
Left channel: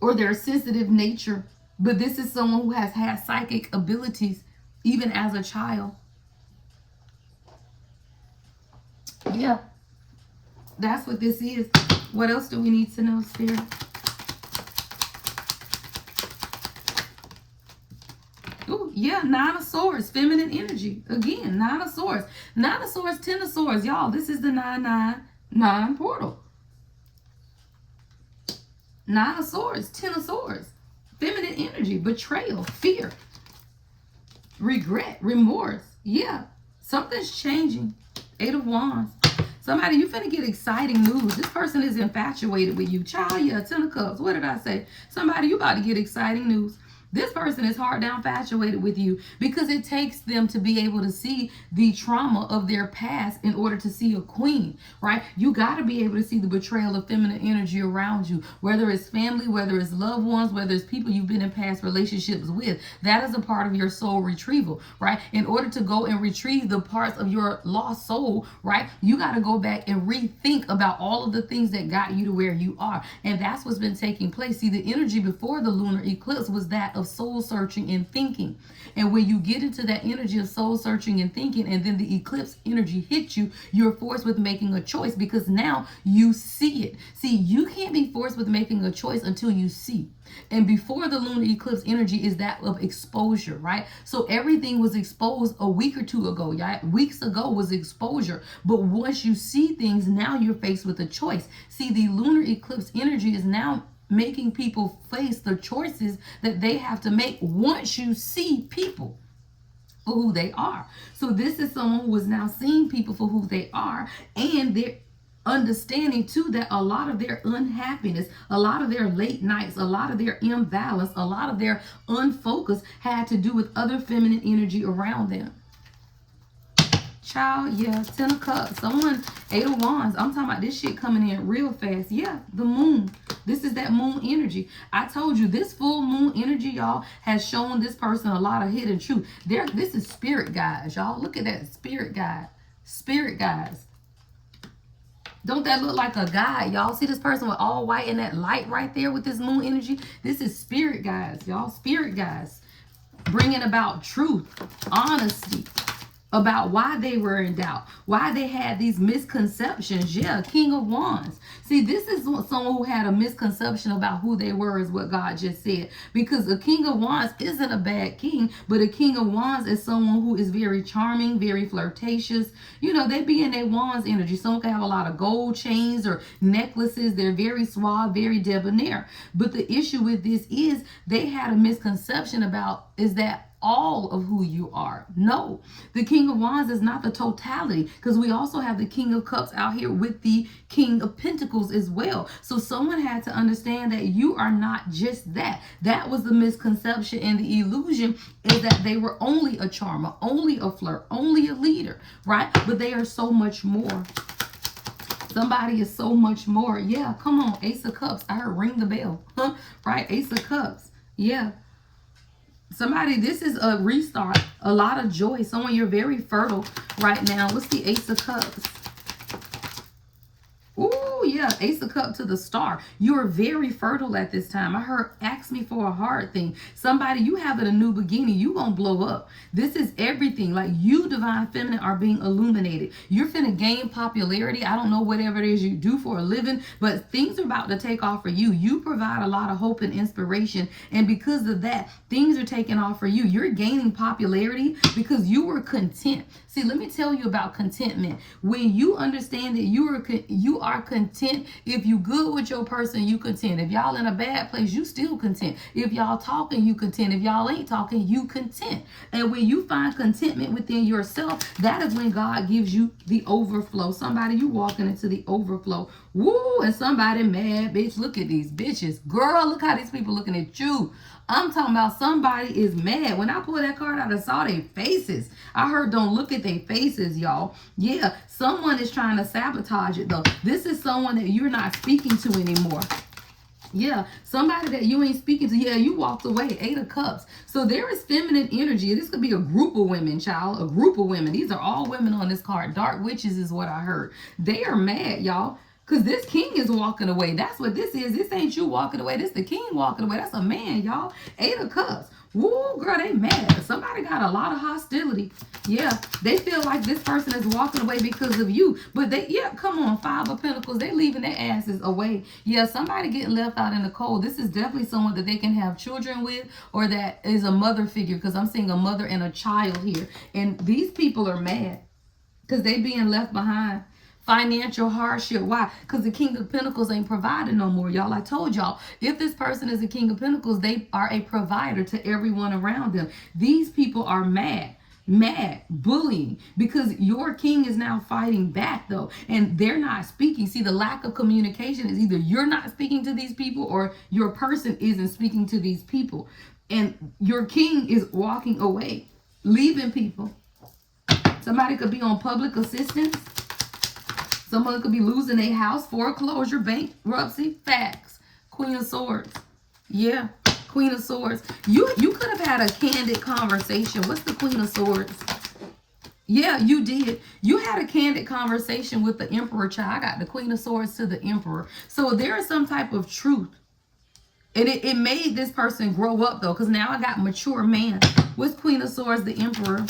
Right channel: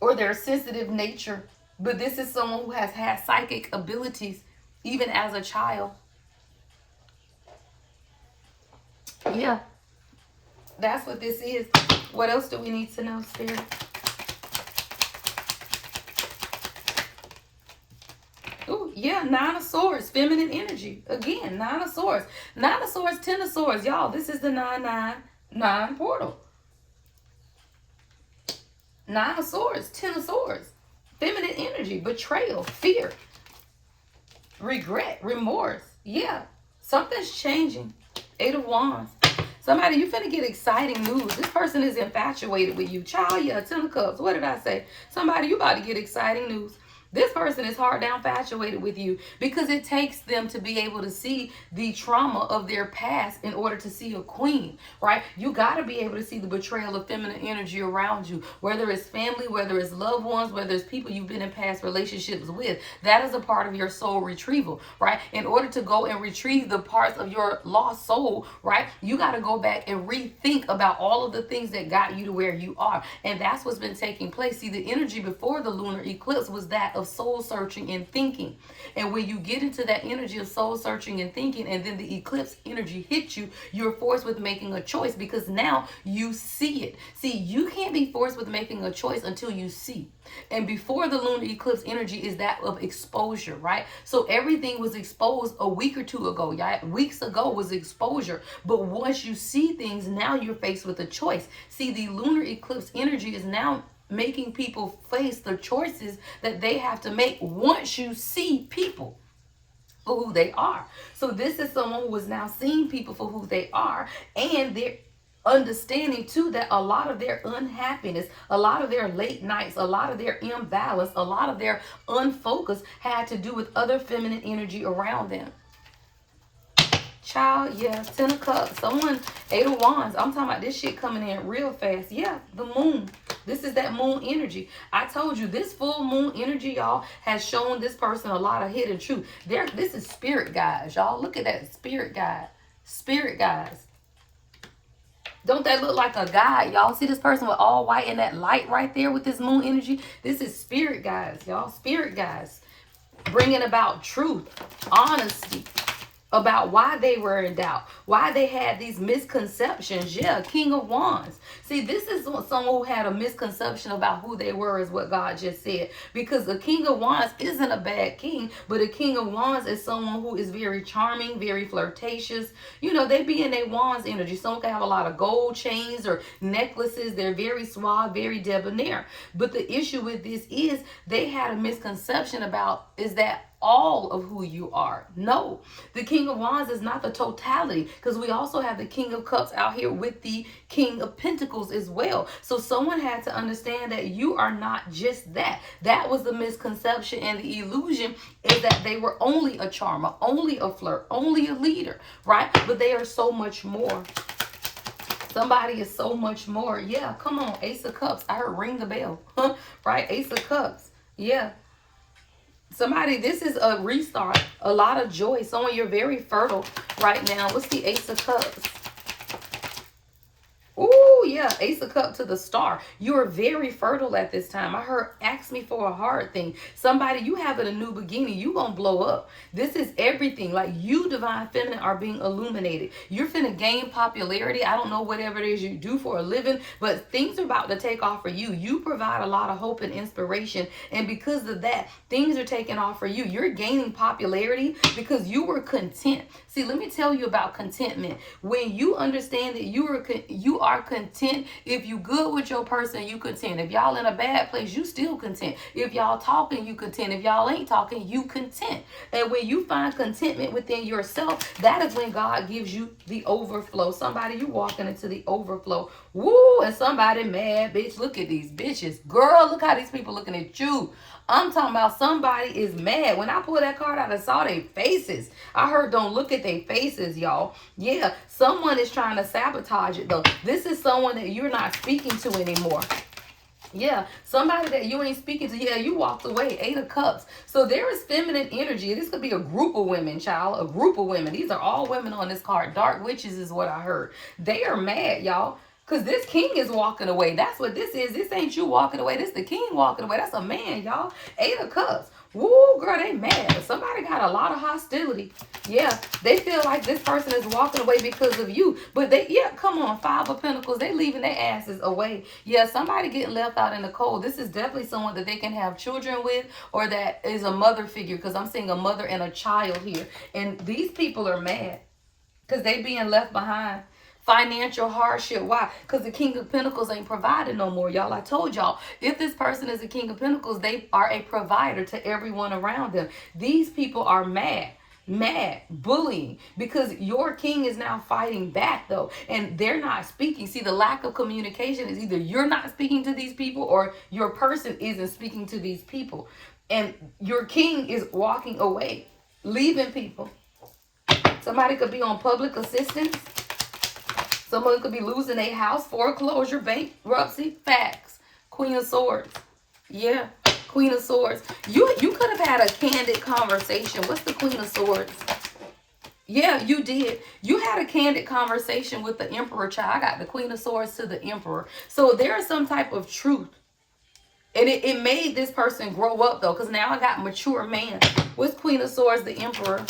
or their sensitive nature. But this is someone who has had psychic abilities even as a child. Yeah, that's what this is. What else do we need to know, Spirit? Oh, yeah, Nine of Swords, feminine energy. Again, Nine of Swords. Nine of Swords, Ten of Swords. Y'all, this is the 999 portal. Nine of Swords, Ten of Swords. Feminine energy, betrayal, fear, regret, remorse. Yeah, something's changing. Eight of Wands. Somebody, you finna get exciting news. This person is infatuated with you. Child, yeah, Ten of Cups. What did I say? Somebody, you about to get exciting news. This person is hard down infatuated with you because it takes them to be able to see the trauma of their past in order to see a queen, right? You got to be able to see the betrayal of feminine energy around you, whether it's family, whether it's loved ones, whether it's people you've been in past relationships with. That is a part of your soul retrieval, right? In order to go and retrieve the parts of your lost soul, right, you got to go back and rethink about all of the things that got you to where you are. And that's what's been taking place. See, the energy before the lunar eclipse was that of soul searching and thinking. And when you get into that energy of soul searching and thinking, and then the eclipse energy hits you, you're forced with making a choice because now you see it. See, you can't be forced with making a choice until you see. And before the lunar eclipse energy is that of exposure, right? So everything was exposed a week or two ago, yeah? Weeks ago was exposure. But once you see things, now you're faced with a choice. See, the lunar eclipse energy is now making people face the choices that they have to make once you see people for who they are. So this is someone who is now seeing people for who they are, and they're understanding too that a lot of their unhappiness, a lot of their late nights, a lot of their imbalance, a lot of their unfocus had to do with other feminine energy around them. Child, yeah, Ten of Cups. Someone, Eight of Wands. I'm talking about this shit coming in real fast. Yeah, the moon. This is that moon energy. I told you, this full moon energy, y'all, has shown this person a lot of hidden truth. This is spirit guides, y'all. Look at that, spirit guide. Spirit guides. Don't that look like a guide, y'all? See this person with all white and that light right there with this moon energy? This is spirit guides, y'all. Spirit guides. Bringing about truth, honesty, about why they were in doubt, why they had these misconceptions. Yeah, King of Wands. See, this is someone who had a misconception about who they were, is what God just said. Because a King of Wands isn't a bad king, but a King of Wands is someone who is very charming, very flirtatious. You know, they be in their Wands energy. Someone can have a lot of gold chains or necklaces. They're very suave, very debonair. But the issue with this is they had a misconception about, is that all of who you are? No, the King of Wands is not the totality, because we also have the King of Cups out here with the King of Pentacles as well. So someone had to understand that you are not just that. That was the misconception, and the illusion is that they were only a charmer, only a flirt, only a leader, right? But they are so much more. Somebody is so much more. Yeah, come on, Ace of Cups. I heard ring the bell, right? Ace of Cups. Yeah. Somebody, this is a restart, a lot of joy. Someone, you're very fertile right now. What's the Ace of Cups? Oh, yeah, Ace of Cups to the Star. You are very fertile at this time. I heard, ask me for a hard thing. Somebody, you having a new beginning. You gonna blow up. This is everything. Like, you, Divine Feminine, are being illuminated. You're finna gain popularity. I don't know whatever it is you do for a living, but things are about to take off for you. You provide a lot of hope and inspiration, and because of that, things are taking off for you. You're gaining popularity because you were content. See, let me tell you about contentment. When you understand that you are content. If you good with your person, you content. If y'all in a bad place, you still content. If y'all talking, you content. If y'all ain't talking, you content. And when you find contentment within yourself, that is when God gives you the overflow. Somebody, you walking into the overflow. Woo, and somebody mad, bitch. Look at these bitches. Girl, look how these people looking at you. I'm talking about somebody is mad. When I pulled that card out, I saw their faces. I heard don't look at their faces, y'all. Yeah, someone is trying to sabotage it, though. This is someone that you're not speaking to anymore. Yeah, somebody that you ain't speaking to. Yeah, you walked away. 8 of Cups. So there is feminine energy. This could be a group of women, child. A group of women. These are all women on this card. Dark witches is what I heard. They are mad, y'all. Because this king is walking away. That's what this is. This ain't you walking away. This the king walking away. That's a man, y'all. 8 of Cups. Woo, girl, they mad. Somebody got a lot of hostility. Yeah, they feel like this person is walking away because of you. But they, yeah, come on, 5 of Pentacles. They leaving their asses away. Yeah, somebody getting left out in the cold. This is definitely someone that they can have children with, or that is a mother figure, because I'm seeing a mother and a child here. And these people are mad because they being left behind. Financial hardship. Why? Because the King of Pentacles ain't providing no more, y'all. I told y'all, if this person is a King of Pentacles, they are a provider to everyone around them. These people are mad, bullying, because your king is now fighting back, though, and they're not speaking. See, the lack of communication is either you're not speaking to these people or your person isn't speaking to these people, and your king is walking away, leaving people. Somebody could be on public assistance. Someone could be losing a house, foreclosure, bankruptcy, facts. Queen of Swords. Yeah, Queen of Swords. You could have had a candid conversation. What's the Queen of Swords? Yeah, you did. You had a candid conversation with the Emperor, child. I got the Queen of Swords to the Emperor. So there is some type of truth. And it made this person grow up, though, because now I got mature man. What's Queen of Swords, the Emperor?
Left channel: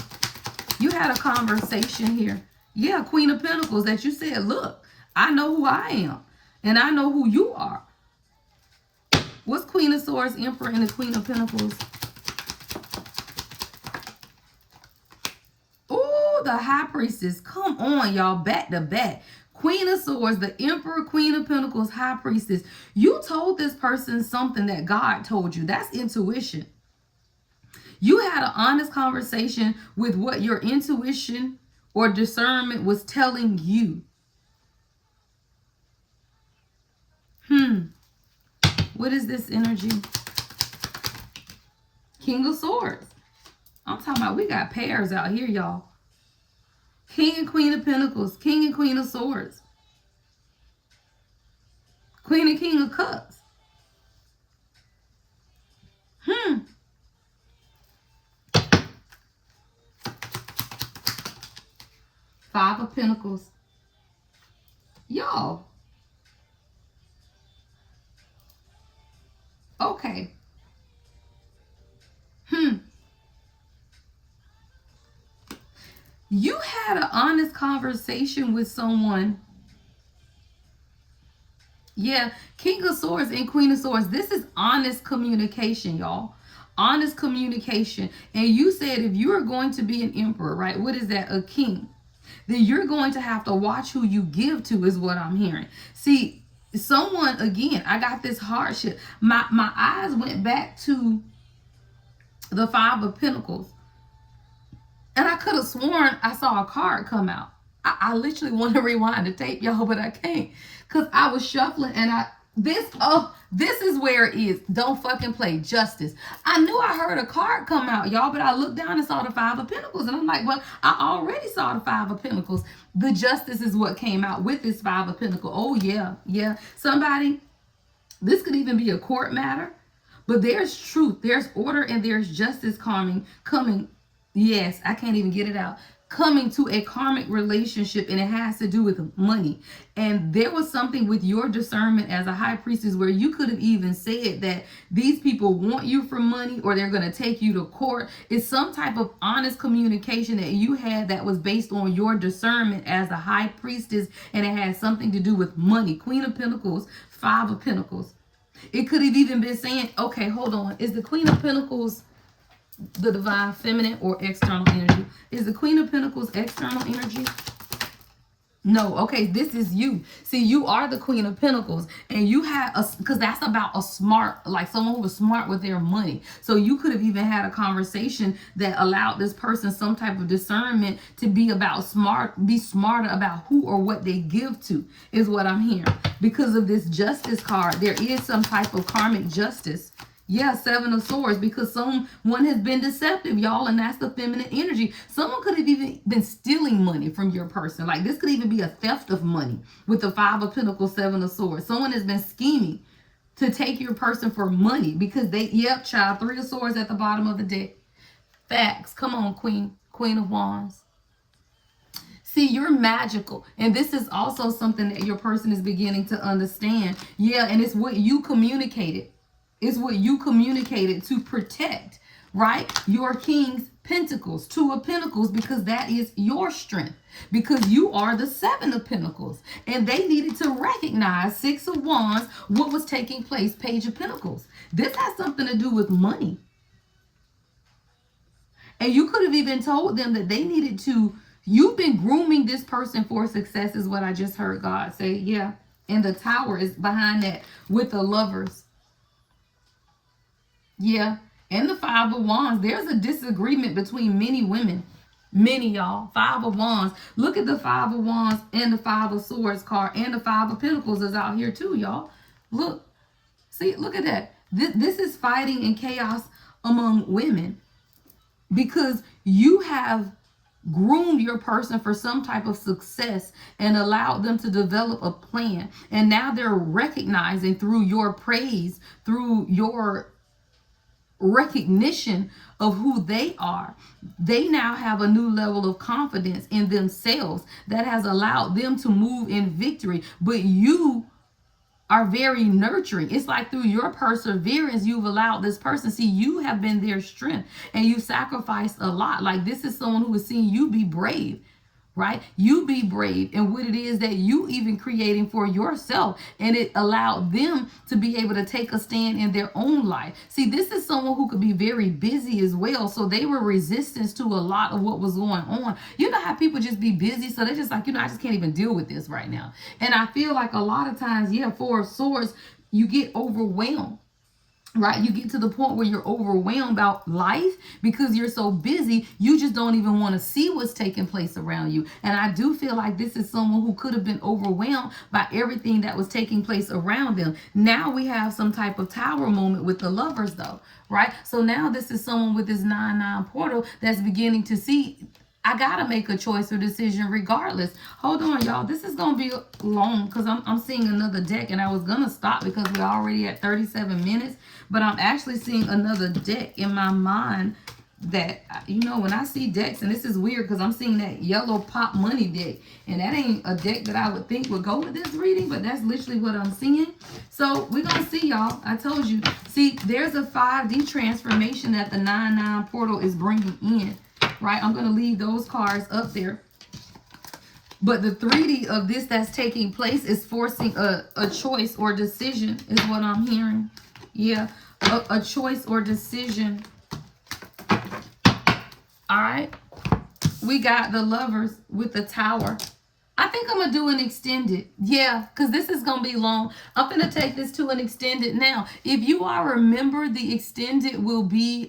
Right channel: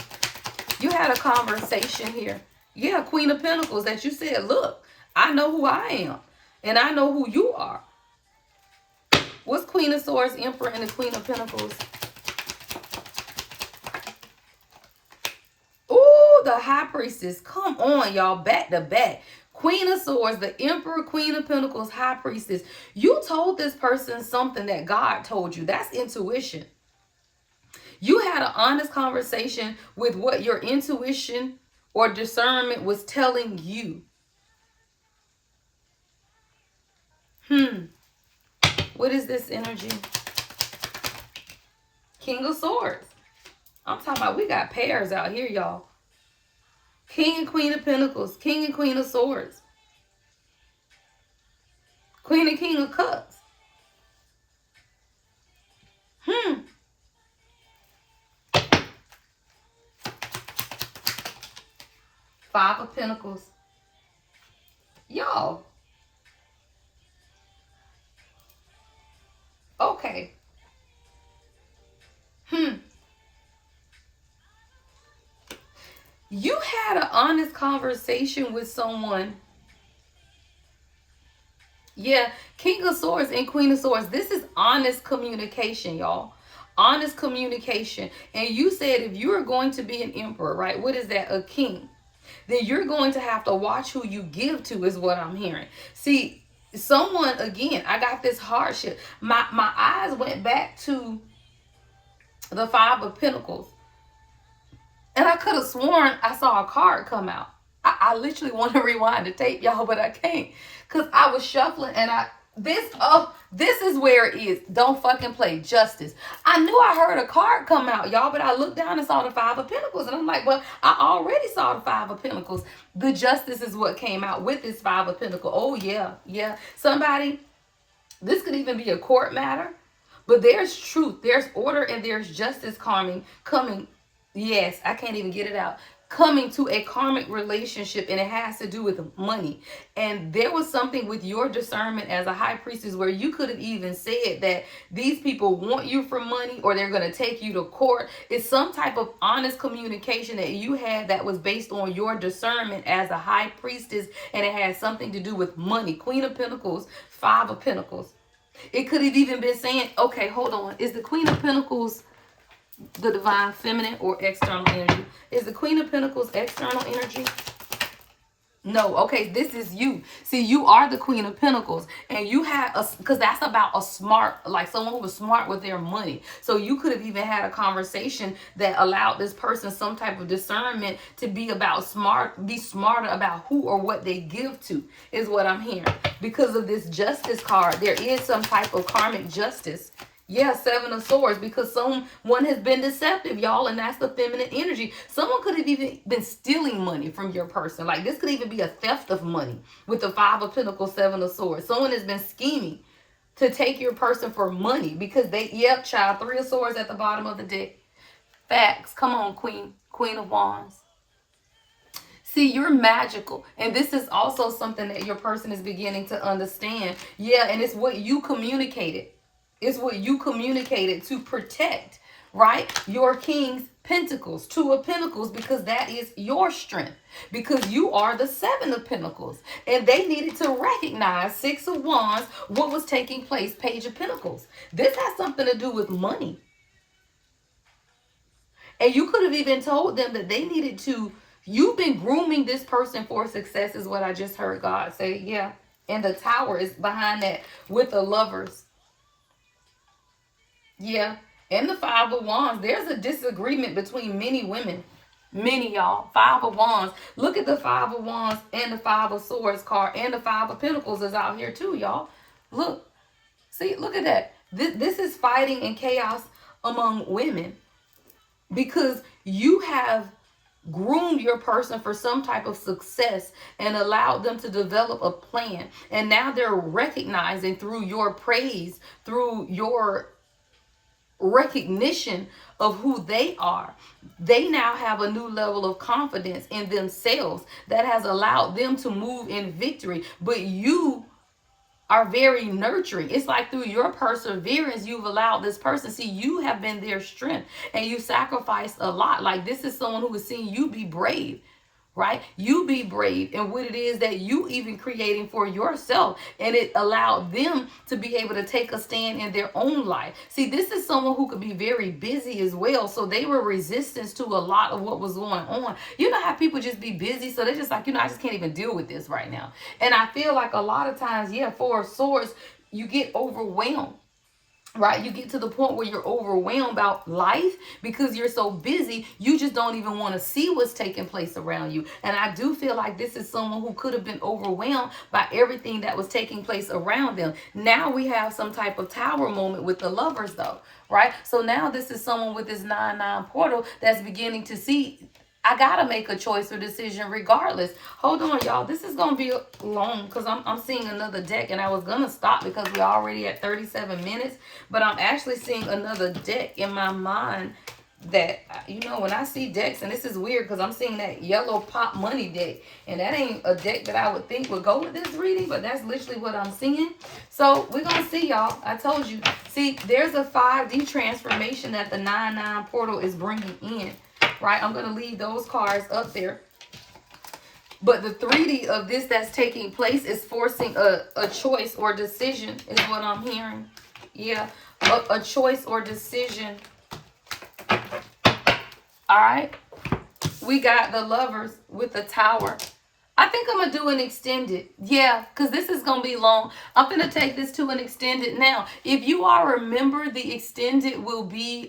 You had a conversation here. Yeah, Queen of Pentacles, that you said, look, I know who I am, and I know who you are. What's Queen of Swords, Emperor, and the Queen of Pentacles? Ooh, the High Priestess. Come on, y'all, back to back. Queen of Swords, the Emperor, Queen of Pentacles, High Priestess. You told this person something that God told you. That's intuition. You had an honest conversation with what your intuition or discernment was telling you. What is this energy? King of Swords. I'm talking about, we got pairs out here, y'all. King and Queen of Pentacles. King and Queen of Swords. Queen and King of Cups. 5 of Pentacles. Y'all. Okay. You had an honest conversation with someone. Yeah, King of Swords and Queen of Swords. This is honest communication, y'all. Honest communication. And you said if you are going to be an emperor, right? What is that? A king. Then you're going to have to watch who you give to, is what I'm hearing. See, someone, again, I got this hardship. My eyes went back to the 5 of Pentacles. And I could have sworn I saw a card come out. I literally want to rewind the tape, y'all, but I can't. Because I was shuffling and this is where it is. Don't fucking play. Justice. I knew I heard a card come out, y'all, but I looked down and saw the 5 of Pentacles. And I'm like, well, I already saw the 5 of Pentacles. The Justice is what came out with this 5 of Pentacles. Oh, yeah, yeah. Somebody, this could even be a court matter. But there's truth. There's order and there's justice coming. Yes, I can't even get it out. Coming to a karmic relationship, and it has to do with money. And there was something with your discernment as a high priestess where you could have even said that these people want you for money or they're going to take you to court. It's some type of honest communication that you had that was based on your discernment as a high priestess, and it had something to do with money. Queen of Pentacles, 5 of Pentacles. It could have even been saying, okay, hold on. Is the Queen of Pentacles the divine feminine or external energy? Is the Queen of Pentacles external energy? No. Okay, this is you. See, you are the Queen of Pentacles, and you had because that's about a smart, like someone who was smart with their money. So you could have even had a conversation that allowed this person some type of discernment to be smarter about who or what they give to, is what I'm hearing. Because of this Justice card, there is some type of karmic justice. Yeah, Seven of Swords, because someone has been deceptive, y'all, and that's the feminine energy. Someone could have even been stealing money from your person. Like, this could even be a theft of money with the Five of Pentacles, Seven of Swords. Someone has been scheming to take your person for money because yep, child, Three of Swords at the bottom of the deck. Facts. Come on, Queen of Wands. See, you're magical. And this is also something that your person is beginning to understand. Yeah, and it's what you communicated. It's what you communicated to protect, right? Your King's Pentacles, Two of Pentacles, because that is your strength. Because you are the Seven of Pentacles. And they needed to recognize, Six of Wands, what was taking place, Page of Pentacles. This has something to do with money. And you could have even told them that they needed to, you've been grooming this person for success, is what I just heard God say. Yeah. And the Tower is behind that with the Lovers. Yeah. And the Five of Wands. There's a disagreement between many women. Many, y'all. Five of Wands. Look at the Five of Wands and the Five of Swords card. And the Five of Pentacles is out here too, y'all. Look. See, look at that. This is fighting and chaos among women. Because you have groomed your person for some type of success and allowed them to develop a plan. And now they're recognizing through your praise, through your recognition of who they are. They now have a new level of confidence in themselves that has allowed them to move in victory. But you are very nurturing. It's like through your perseverance, you've allowed this person, see, you have been their strength and you sacrificed a lot. Like, this is someone who has seen you be brave, right? You be brave in what it is that you even creating for yourself. And it allowed them to be able to take a stand in their own life. See, this is someone who could be very busy as well. So they were resistance to a lot of what was going on. You know how people just be busy. So they're just like, I just can't even deal with this right now. And I feel like a lot of times, yeah, Four of Swords, you get overwhelmed. Right? You get to the point where you're overwhelmed about life because you're so busy, you just don't even want to see what's taking place around you. And I do feel like this is someone who could have been overwhelmed by everything that was taking place around them. Now we have some type of Tower moment with the Lovers though, right? So now this is someone with this 9-9 portal that's beginning to see, I gotta make a choice or decision regardless. Hold on, y'all. This is gonna be long because I'm seeing another deck, and I was gonna stop because we're already at 37 minutes. But I'm actually seeing another deck in my mind that, when I see decks, and this is weird because I'm seeing that yellow pop money deck, and that ain't a deck that I would think would go with this reading, but that's literally what I'm seeing. So we're gonna see, y'all. I told you. See, there's a 5D transformation that the 9-9 portal is bringing in. Right, I'm going to leave those cards up there. But the 3D of this that's taking place is forcing a choice or decision is what I'm hearing. Yeah, a choice or decision. All right, we got the Lovers with the Tower. I think I'm going to do an extended. Yeah, because this is going to be long. I'm going to take this to an extended now. If you are a member, the extended will be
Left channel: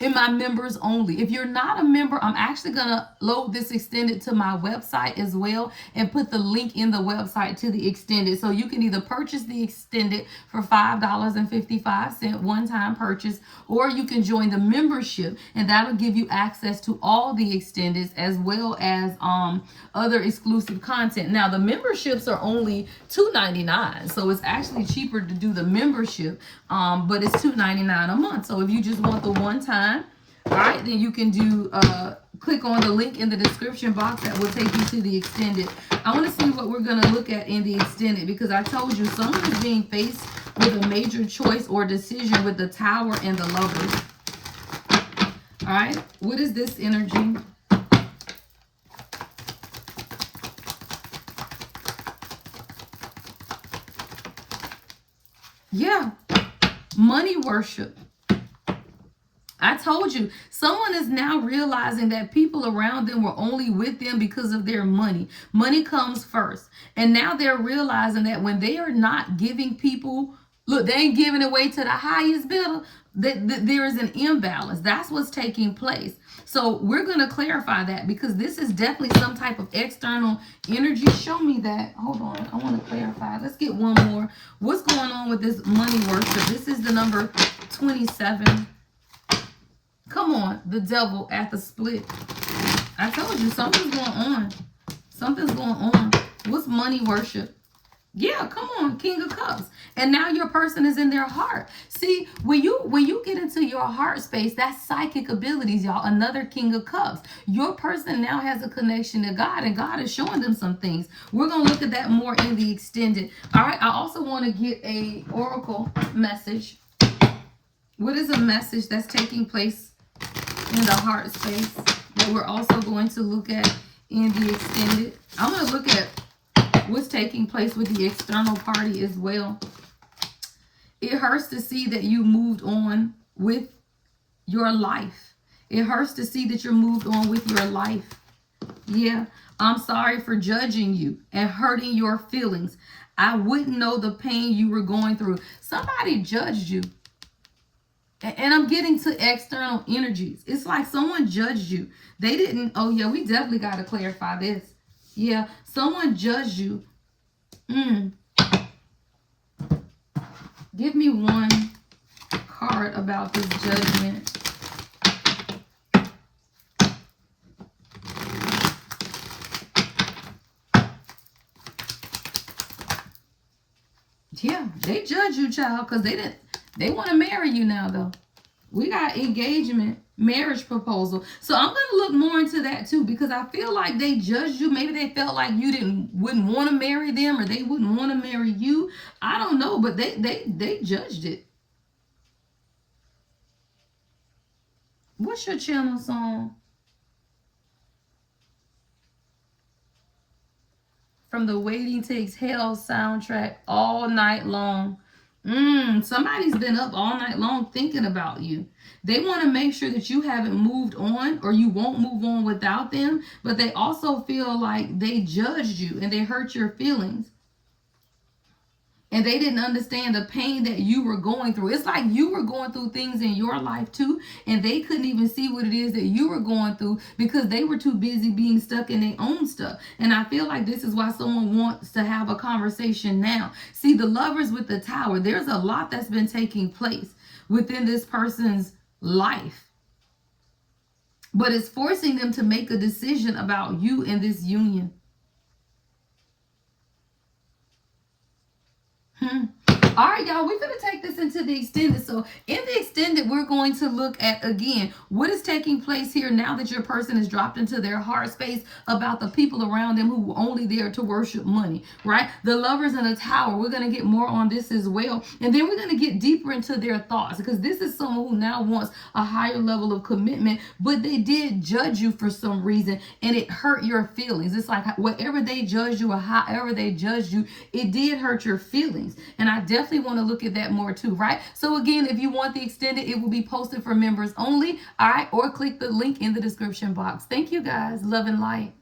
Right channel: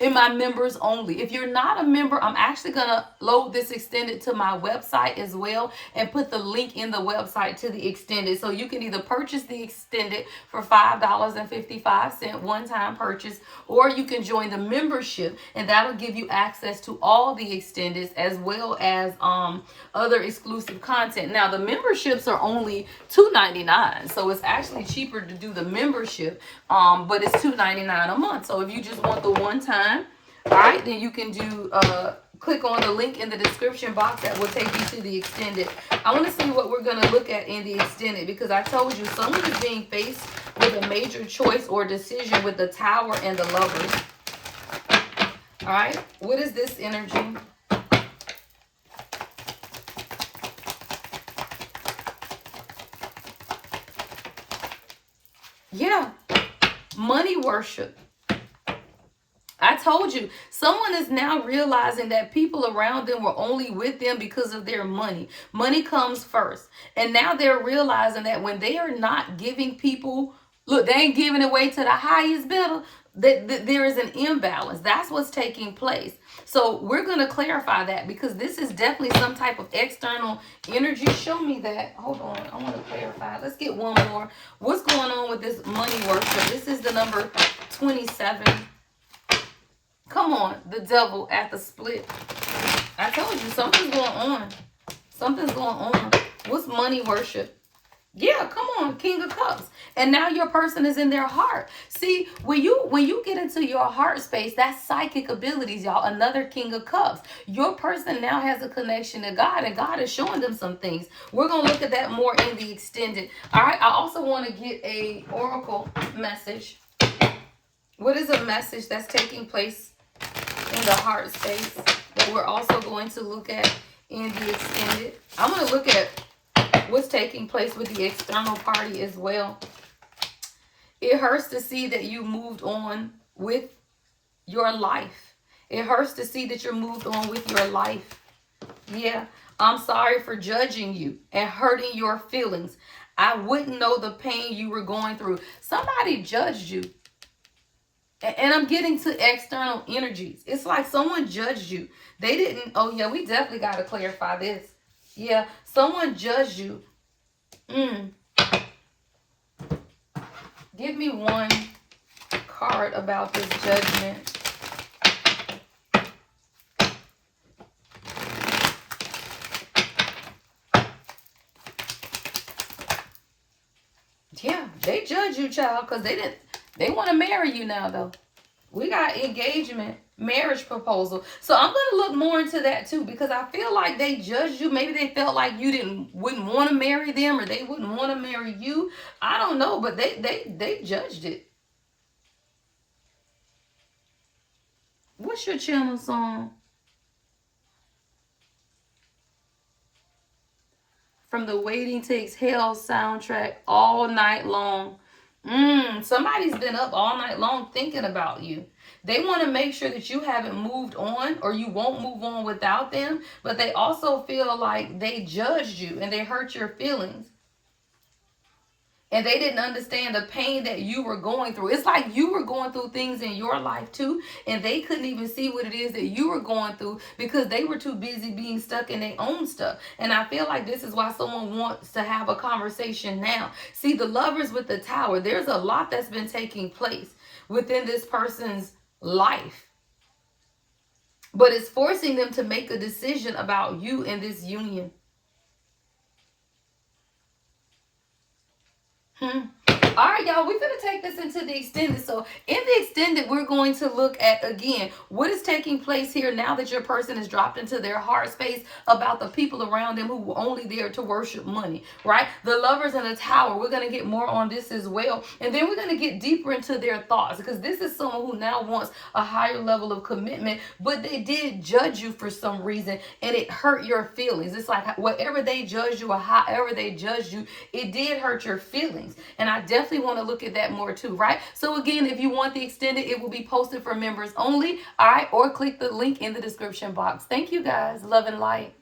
in my members only. If you're not a member, I'm actually going to load this extended to my website as well and put the link in the website to the extended. So you can either purchase the extended for $5.55 one-time purchase, or you can join the membership and that'll give you access to all the extendeds as well as other exclusive content. Now the memberships are only $2.99, so it's actually cheaper to do the membership, but it's $2.99 a month. So if you just want the one time, all right, then you can do click on the link in the description box that will take you to the extended. I want to see what we're going to look at in the extended, because I told you someone is being faced with a major choice or decision with the Tower and the Lovers. All right, what is this energy? Yeah, money worship. I told you, someone is now realizing that people around them were only with them because of their money. Money comes first. And now they're realizing that when they are not giving people, look, they ain't giving away to the highest bidder. there is an imbalance. That's what's taking place. So we're going to clarify that, because this is definitely some type of external energy. Show me that. Hold on. I want to clarify. Let's get one more. What's going on with this money worship? This is the number 27. Come on. The devil at the split. I told you something's going on. Something's going on. What's money worship? Yeah, come on, King of Cups. And now your person is in their heart. See, when you get into your heart space, that's psychic abilities, y'all. Another King of Cups. Your person now has a connection to God, and God is showing them some things. We're going to look at that more in the extended. All right, I also want to get a oracle message. What is a message that's taking place in the heart space that we're also going to look at in the extended? I'm going to look at what's taking place with the external party as well. It hurts to see that you moved on with your life. It hurts to see that you're moved on with your life. Yeah, I'm sorry for judging you and hurting your feelings. I wouldn't know the pain you were going through. Somebody judged you. And I'm getting to external energies. It's like someone judged you. They didn't. Oh, yeah, we definitely got to clarify this. Yeah, someone judged you. Give me one card about this judgment. Yeah, they judge you, child, because they want to marry you now, though. We got engagement, marriage proposal. So I'm going to look more into that too, because I feel like they judged you. Maybe they felt like you wouldn't want to marry them, or they wouldn't want to marry you. I don't know, but they judged it. What's your channel song? From the Waiting to Exhale soundtrack, All Night Long. Somebody's been up all night long thinking about you. They want to make sure that you haven't moved on, or you won't move on without them, but they also feel like they judged you and they hurt your feelings. And they didn't understand the pain that you were going through. It's like you were going through things in your life too, and they couldn't even see what it is that you were going through because they were too busy being stuck in their own stuff. And I feel like this is why someone wants to have a conversation now. See, the Lovers with the Tower, there's a lot that's been taking place within this person's life. But it's forcing them to make a decision about you in this union. All right, y'all, we're going to take this into the extended. So in the extended, we're going to look at, again, what is taking place here now that your person is dropped into their heart space about the people around them who were only there to worship money, right? The Lovers in the Tower, we're going to get more on this as well. And then we're going to get deeper into their thoughts, because this is someone who now wants a higher level of commitment, but they did judge you for some reason, and it hurt your feelings. It's like whatever they judged you or however they judged you, it did hurt your feelings. And I definitely want to look at that more too, right? So again, if you want the extended, it will be posted for members only, all right? Or click the link in the description box. Thank you guys. Love and light.